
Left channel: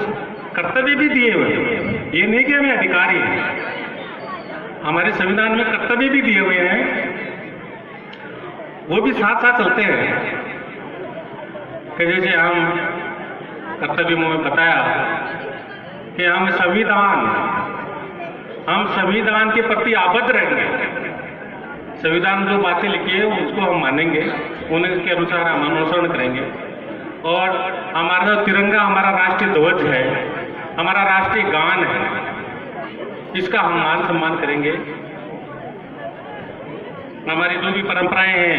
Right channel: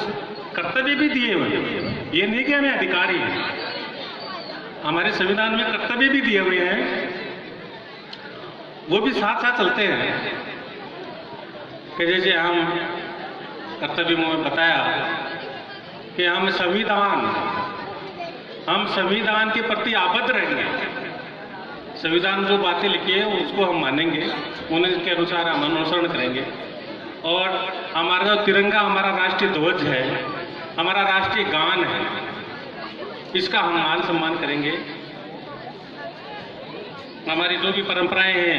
कर्तव्य भी दिए हुए हैं। ये नहीं कि हमें अधिकार ही है, हमारे संविधान में कर्तव्य भी दिए हुए हैं, वो भी साथ साथ चलते हैं। कि जैसे हम कर्तव्य में बताया कि हम संविधान के प्रति आबद्ध रहेंगे। संविधान जो बातें लिखी है उसको हम मानेंगे, उनके अनुसार हम अनुसरण करेंगे। और हमारा तिरंगा, हमारा राष्ट्रीय ध्वज है, हमारा राष्ट्रीय गान है, इसका हम मान सम्मान करेंगे। हमारी जो भी परंपराएं हैं,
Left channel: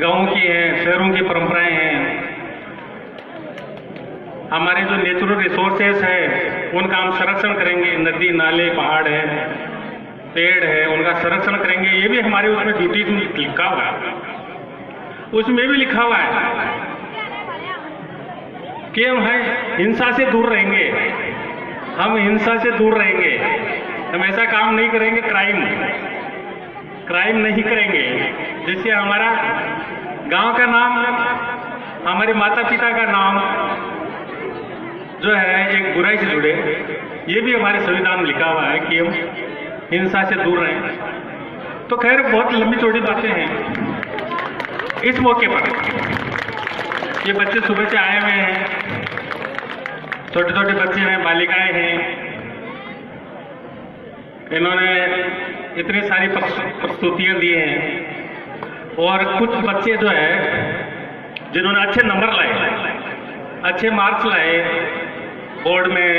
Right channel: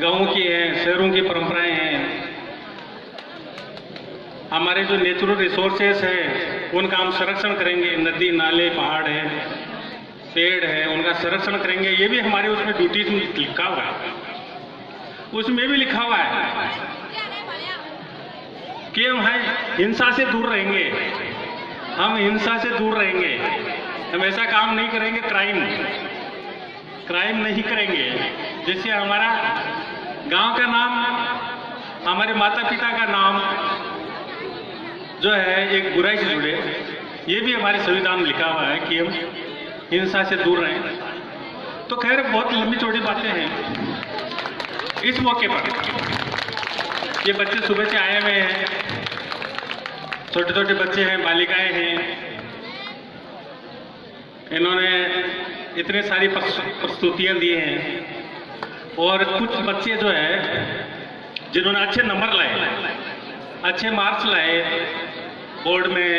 गाँव की हैं, शहरों की परंपराएं हैं, हमारे जो नेचुरल रिसोर्सेस हैं उनका हम संरक्षण करेंगे। नदी नाले पहाड़ है, पेड़ है, उनका संरक्षण करेंगे। ये भी हमारे उसमें ड्यूटीज में लिखा हुआ है, उसमें भी लिखा हुआ है कि हम हिंसा से दूर रहेंगे, हम हिंसा से दूर रहेंगे, हम ऐसा काम नहीं करेंगे, क्राइम नहीं करेंगे। जैसे हमारा गांव का नाम, हमारे माता पिता का नाम जो है एक बुराई से जुड़े, ये भी हमारे संविधान में लिखा हुआ है कि हम हिंसा से दूर रहें। तो खैर बहुत लंबी चौड़ी बातें हैं। इस मौके पर ये बच्चे सुबह से आए हुए हैं, छोटे छोटे बच्चे हैं, बालिकाएं हैं, इन्होंने इतनी सारी प्रस्तुतियां दी हैं। और कुछ बच्चे जो है जिन्होंने अच्छे नंबर लाए, अच्छे मार्क्स लाए बोर्ड में,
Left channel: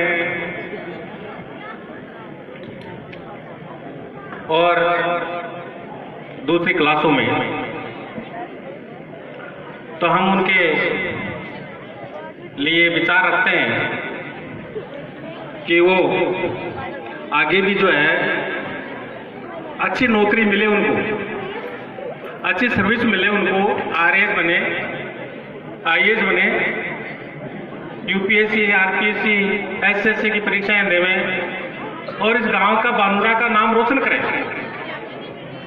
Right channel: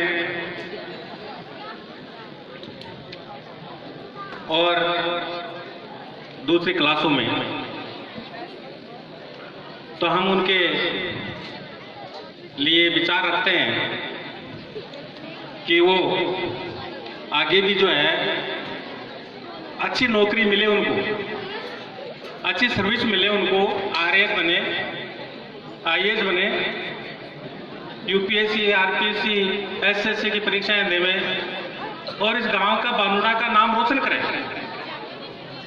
और दूसरी क्लासों में, तो हम उनके लिए विचार रखते हैं कि वो आगे भी जो है अच्छी नौकरी मिले उनको, अच्छी सर्विस मिले उनको, आरएएस बने, आईएएस बने, यूपीएससी, आरपीएससी, एसएससी की परीक्षाएं देवें और इस गांव का, बानुरा का नाम रोशन करें,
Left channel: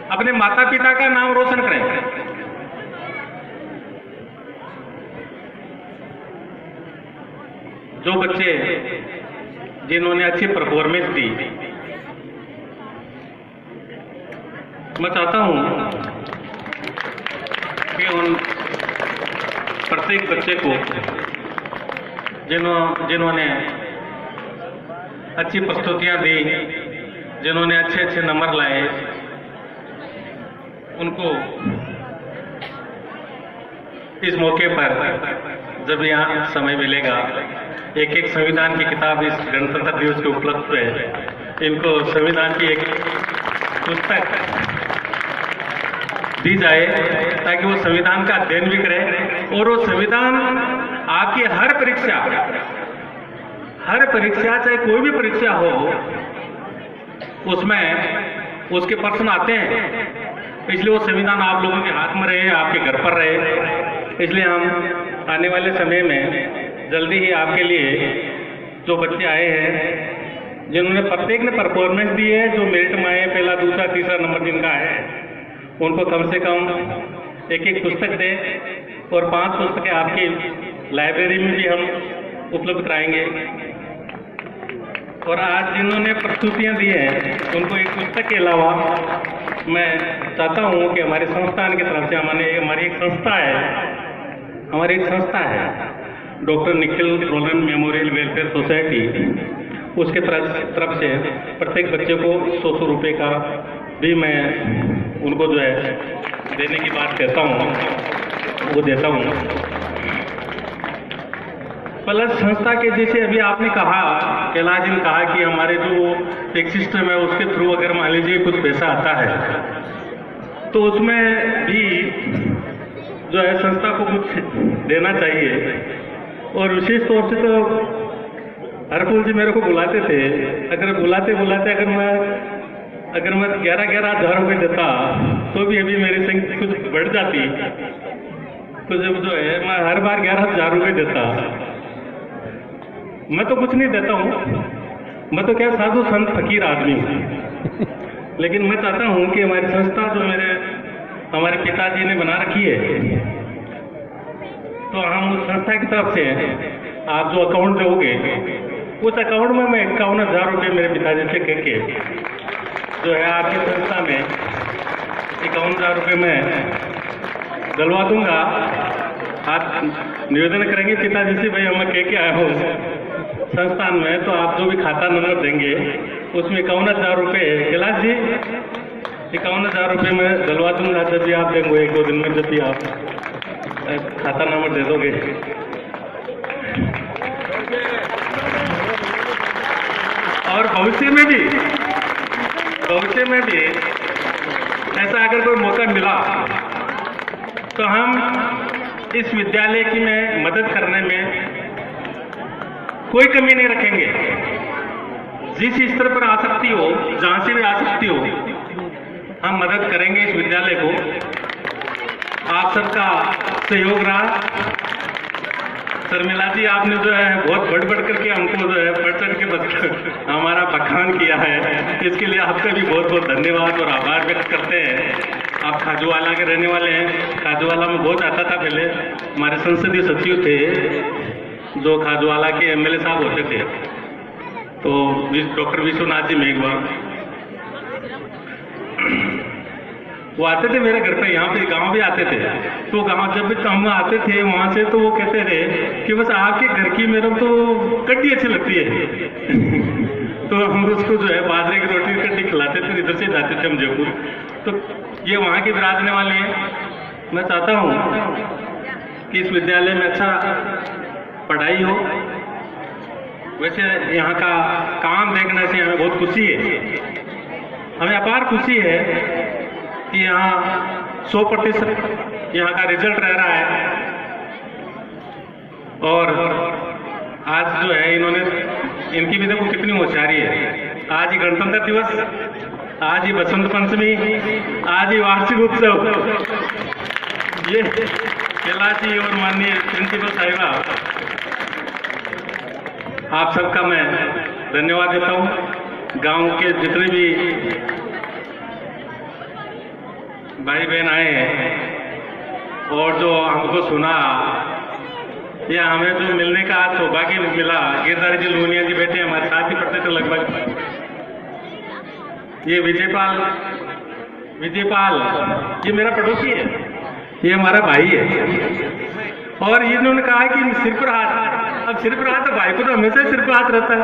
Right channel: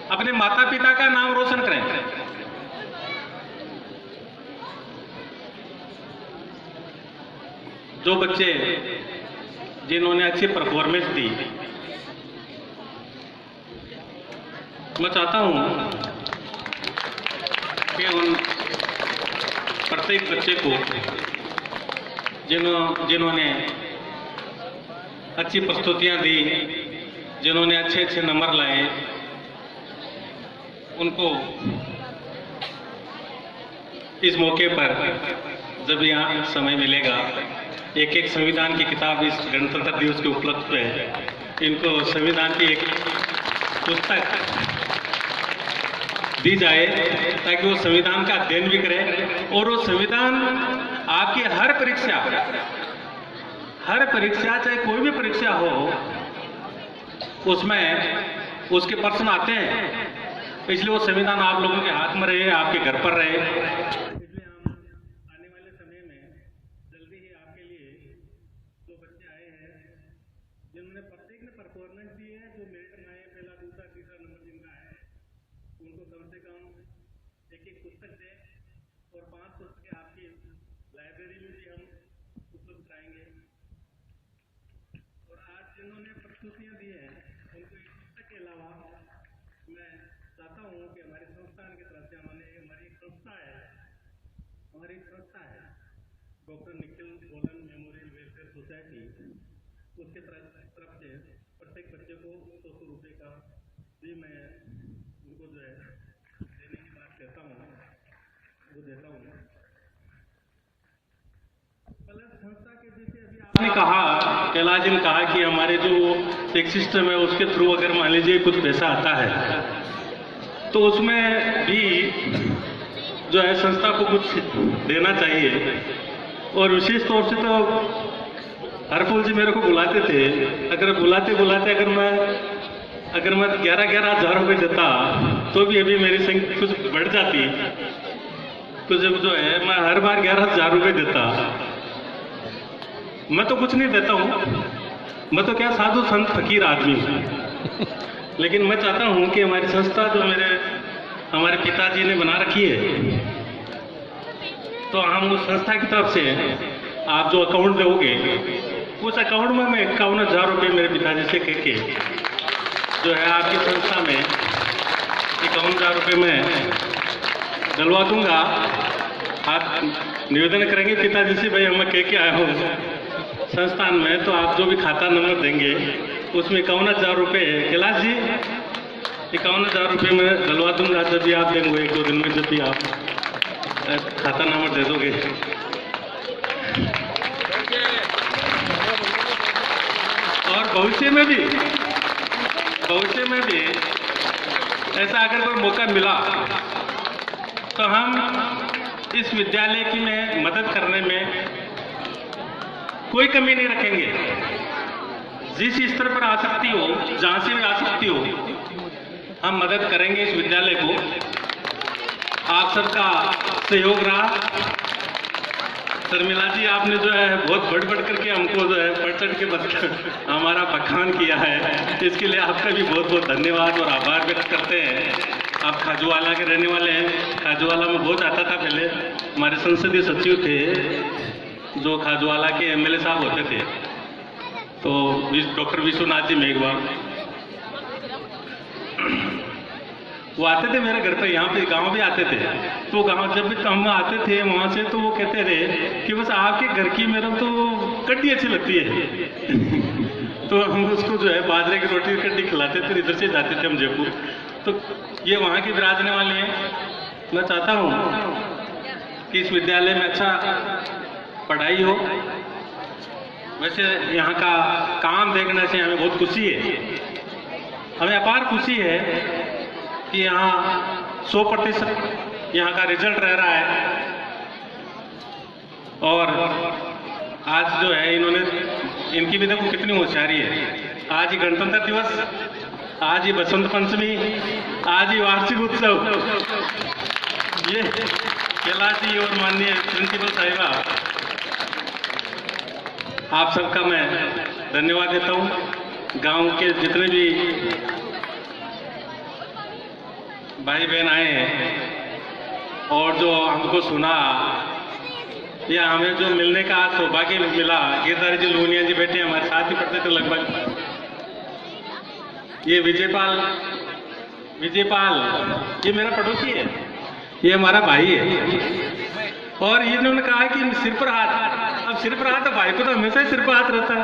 अपने माता पिता का नाम रोशन करें। जो बच्चे जिन्होंने अच्छी परफॉर्मेंस दी, मैं चाहता हूं कि उन प्रत्येक बच्चे को जिन्होंने अच्छी प्रस्तुतियां दी, जिन्होंने अच्छे अच्छे नंबर लाए, उनको इस मौके पर जब यहाँ समय मिलेगा, एक एक संविधान की किताब इस गणतंत्र दिवस के उपलक्ष्य पे इनको संविधान की एक पुस्तक दी जाए, ताकि वो संविधान का अध्ययन भी करें। और वो संविधान आपकी हर परीक्षा चाहे कोई भी परीक्षा हो, उसमें उसके प्रश्न आते हैं। इसलिए वो संविधान आप लोगों के हाथ में रहे, आपके घर पर रहे। इसलिए हम आने वाले समय में जल्दी ही आपके लिए जो बच्चे आए हैं, जिन्होंने प्रत्येक ने परफॉर्मेंस दी है, जो मेरिट में आए, पहला दूसरा तीसरा नंबर जिनका है, उनको कम से कम एक एक पुस्तक दें और 5 पुस्तकें आपकी लाइब्रेरी में भी हम उपलब्ध कराएंगे। और आज जिन्होंने प्रस्तुतियाँ दी हैं उनको एक पुस्तक के अलावा मैं चाहता हूँ कि हमारे संस्थान की तरफ से हमारी एक संस्था है doctor Nikhil Rolan memorial welfare society, उसके तरफ से प्रत्येक बच्चे को 100 रुपये का भी मैं उनको जो है देने की बात कहता हूँ, वो देता हूँ। प्लस संस्था के जैसे अभी आपने कहा, कैलाश जी ने कहा कि हमारे जो एक सिस्टम है उसके थ्रू अगर मान लीजिए कुछ पैसा आता है तो उसमें भी जो है संस्था को कुछ देना चाहिए। और विशेष तौर से तो हरफूल जी मेरे को बुलाते थे, अगर बुलाते अगर मैं 11,000 रुपये देता तो भी अभी मेरी संख्या कुछ बढ़ जाती, कुछ जो है मैं हर बार 11,000 रुपये देता। मैं तो कुछ नहीं देता हूँ, मैं तो क्या साधु संत फकीर आदमी हूँ, लेकिन मैं चाहता हूँ कि हमारी संस्था जो हमारे पिताजी ने बना रखी है, तो हम उस संस्था की तरफ से आप जो अकाउंट दोगे उस अकाउंट में मैं 51,000 रुपये मेरे पिताजी से कह के जो है आपकी संस्था में 51,000 रुपये मैं डलवा दूंगा। आप निवेदन करेंगे पिताजी से, भाई मैं कह के आया हूँ संस्थान में, तो आप जो भी खाता नंबर देंगे उसमें 51,000 रुपये, कैलाश जी 51,000 रुपये मैं डलवा दूंगा जब भी आप देंगे 1-2 दिन में, जब भी आप खाता नंबर दे दोगे। और भविष्य में भी ऐसा अगर कोई मौका मिला तो हम इस विद्यालय की में मदद करने में कोई कमी नहीं रखेंगे। जिस स्तर पर आ सकती हो, जहां से भी आ सकती हो, हम मदद करेंगे इस विद्यालय को। आप सबका सहयोग रहा। शर्मिला जी आपने जो है बहुत बढ़ करके हमको जो है बढ़ के हमारा बखान किया है, तो इसके लिए आपका भी बहुत बहुत धन्यवाद और आभार व्यक्त करते हैं। आप खाजूवाला के रहने वाले हैं, खाजूवाला में बहुत आता था पहले, हमारे संसदीय सचिव थे जो खाजूवाला के एमएलए साहब होते थे, तो डॉक्टर विश्वनाथ जी मेघवाल वो आते थे मेरे घर पे, यहाँ पे गांव भी आते थे। तो गांव जब भी हम आते थे वहाँ से, तो वो कहते थे कि बस आपके घर की मेरे तो कड्डी अच्छी लगती है तो हम उसको जो है बाजरे की रोटी कड्डी खिलाते थे, इधर से जाते थे हम जयपुर। तो ये वहाँ के विराजने वाले हैं। मैं चाहता हूँ कि इस विद्यालय में अच्छा पढ़ाई हो। वैसे यहाँ का काम देखने से हमें बहुत खुशी है, हमें अपार खुशी है कि यहाँ 100% यहाँ का रिजल्ट रह रहा है। और आज जो है इनकी भी देखो कितनी होशियारी है। आज ही गणतंत्र दिवस, आज ही बसंत पंचमी, आज ही वार्षिक उत्सव। ये कैलाश जी और माननीय प्रिंसिपल साहिबा, आप सबका मैं धन्यवाद देता हूँ। गांव के जितने भी भाई बहन आए हैं और जो हमको सुना, या हमें जो मिलने का आज सौभाग्य मिला, गिरधारी जी लोनिया जी बैठे हमारे साथ ही पढ़ते थे लगभग। ये विजयपाल ये मेरा पड़ोसी है, ये हमारा भाई है। और इन्होंने कहा कि सिर पर हाथ, अब सिर पर हाथ, तो भाई को तो हमेशा सिर पर हाथ रहता है।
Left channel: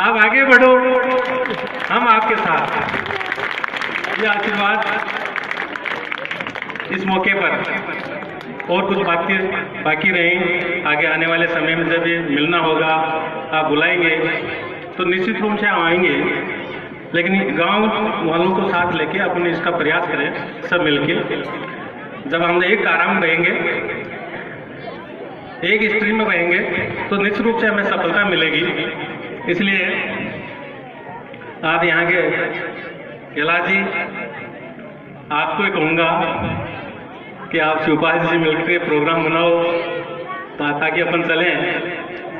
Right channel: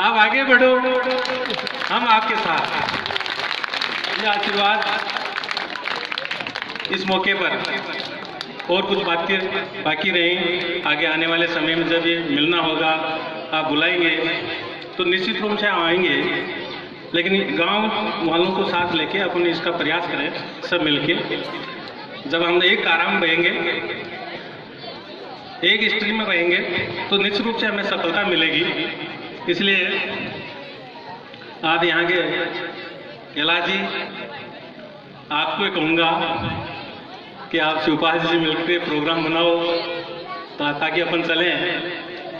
आप आगे बढ़ो, हम आपके साथ। ये आशीर्वाद इस मौके पर। और कुछ बातें बाकी रही, आगे आने वाले समय में जब भी मिलना होगा, आप बुलाएंगे तो निश्चित रूप से हम आएंगे, लेकिन गांव वालों को साथ लेके अपन इसका प्रयास करें सब मिलके। जब हम एक धारा में रहेंगे, एक स्ट्रीम में रहेंगे, तो निश्चित रूप से हमें सफलता मिलेगी। इसलिए आप यहाँ के कैलाश जी, आपको ही कहूँगा कि आप शिवपाल जी से मिलकर प्रोग्राम बनाओ ताकि अपन चलें,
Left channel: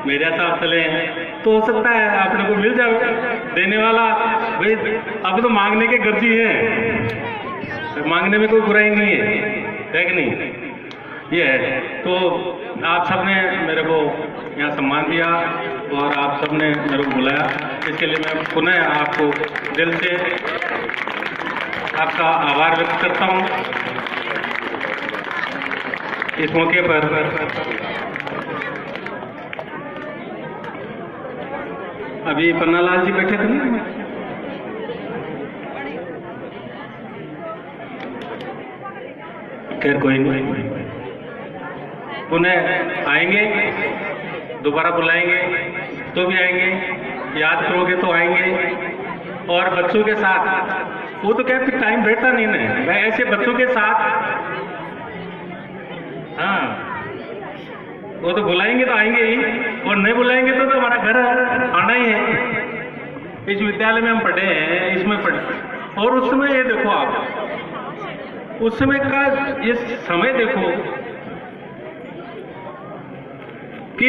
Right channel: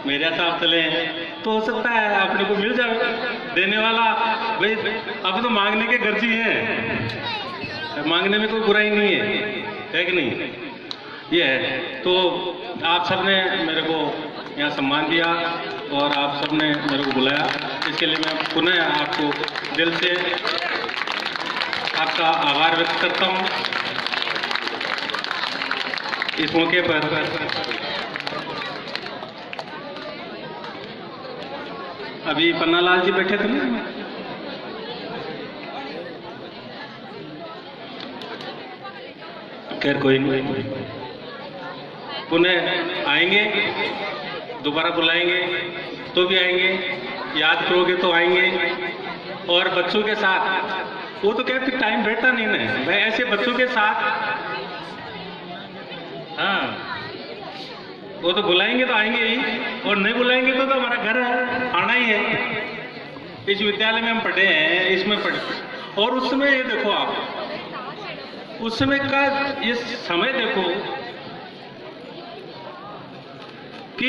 मेरे साथ चलें, तो हो सकता है आप लोगों को मिल जाए देने वाला। भाई अब तो मांगने के गर्जी हैं, मांगने में कोई बुराई नहीं है कि नहीं? ये है। तो आप सबने मेरे को यहाँ सम्मान दिया, और आप सबने मेरे को बुलाया, इसके लिए मैं पुनः आपको दिल से आपका आभार व्यक्त करता हूँ। इस मौके पर अभी पन्नालाल जी बैठे थे ना, खैर कोई नहीं, पुनः आएंगे, दोबारा बुलाएंगे तो भी आएंगे, याद करोगे तो आएंगे। और बच्चों के साथ वो तो क्या फिर टाइम रहता नहीं ना, मैं ऐसे बच्चों के साथ, हाँ वो तो बुलाएंगे तो आएंगे ही, और नहीं बुलाएंगे तो हमारा घर आना ही है। इस विद्यालय में हम पढ़े हैं, इसमें पढ़े, और उस समय ये देखो आप, उस समय का ये समय देखो कि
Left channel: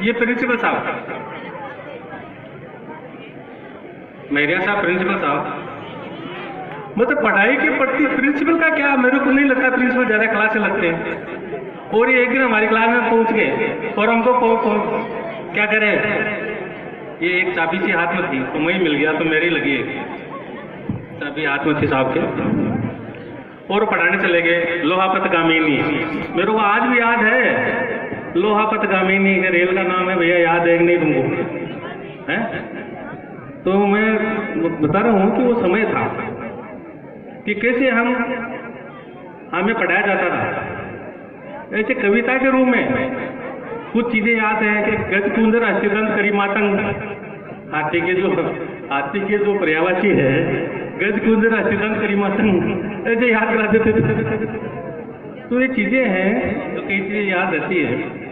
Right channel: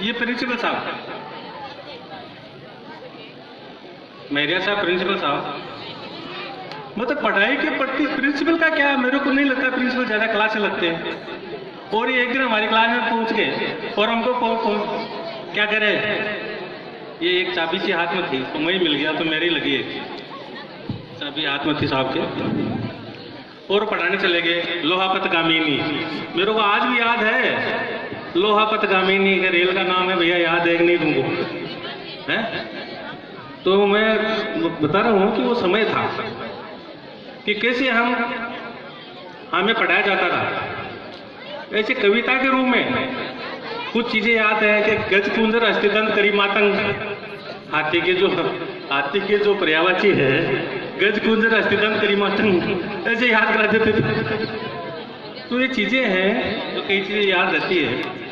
ये प्रिंसिपल साहब, मेरिया साहब प्रिंसिपल साहब, मतलब पढ़ाई के प्रति प्रिंसिपल का क्या, मेरे को नहीं लगता प्रिंसिपल ज्यादा क्लास से लगते हैं। और ये एक दिन हमारी क्लास में पहुंच गए और हमको क्या करे, ये एक चाबी सी हाथ में थी तो वही मिल गया, तो मेरी लगी एक चाबी हाथ में थी साहब के, और पढ़ाने चले गए लोहापत गामिनी। मेरे को आज भी याद है लोहापत गामिनी का रेल का नाम है भैया, याद है कि नहीं तुमको, है? तो मैं बता रहा हूँ कि वो समय था कि कैसे हमें पढ़ाया जाता था। ऐसे कविता के रूप में कुछ चीजें याद है कि गज कुंदर अस्थिदंत करी मातंग, हाथी के जो पर्यायवाची है गज कुंदर अस्थिदंत करी मातंग, ऐसे याद करा देते थे। तो ये चीजें हैं जो कई चीजें याद रहती है।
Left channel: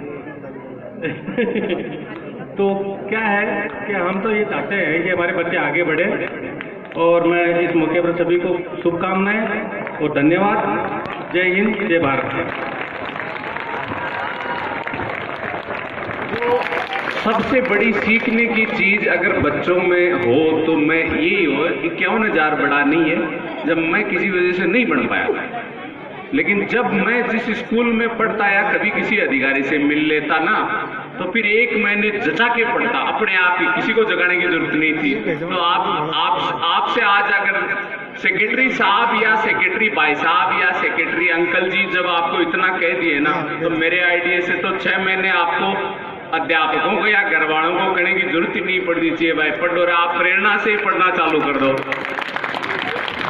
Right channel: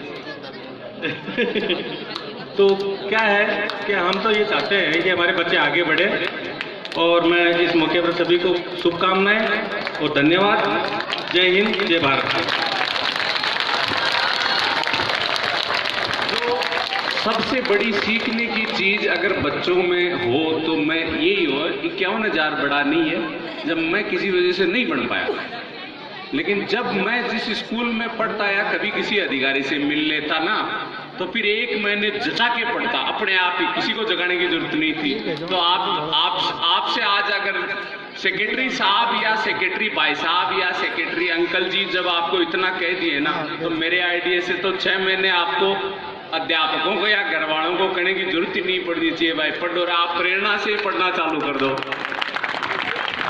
तो क्या है कि हम तो ये चाहते हैं कि हमारे बच्चे आगे बढ़े, और मैं इस मौके पर सभी को शुभकामनाएं और धन्यवाद। जय हिंद, जय भारत। सबसे बड़ी सीखने की चीज अगर बच्चों में हो तो मैं यही हो कि 51,000 बड़ा नहीं है। जब मैं किसी वजह से नहीं पढ़ पाया, लेकिन जब मैं जिस स्कूल में पढ़ता या कभी किसी अधिकारी से मिल लेता ना, तो फिर 1 महीने जचा के पढ़ता अपने आप ही, किसी को जगाने की जरूरत नहीं थी। तो आपसे आज अगर सेक्रेटरी साहब या सेक्रेटरी भाई साहब या सेक्रेटरी अंकल जी जब आपको इतना कह दिए ना, तो मेरे आइडिया से तो 6 महीने आपको अध्यापकों को या घर वालों को कहने की जरूरत ही नहीं पड़नी चाहिए, भाई पढ़ो, आप प्रेरणा से पढ़ना चालू कर दो।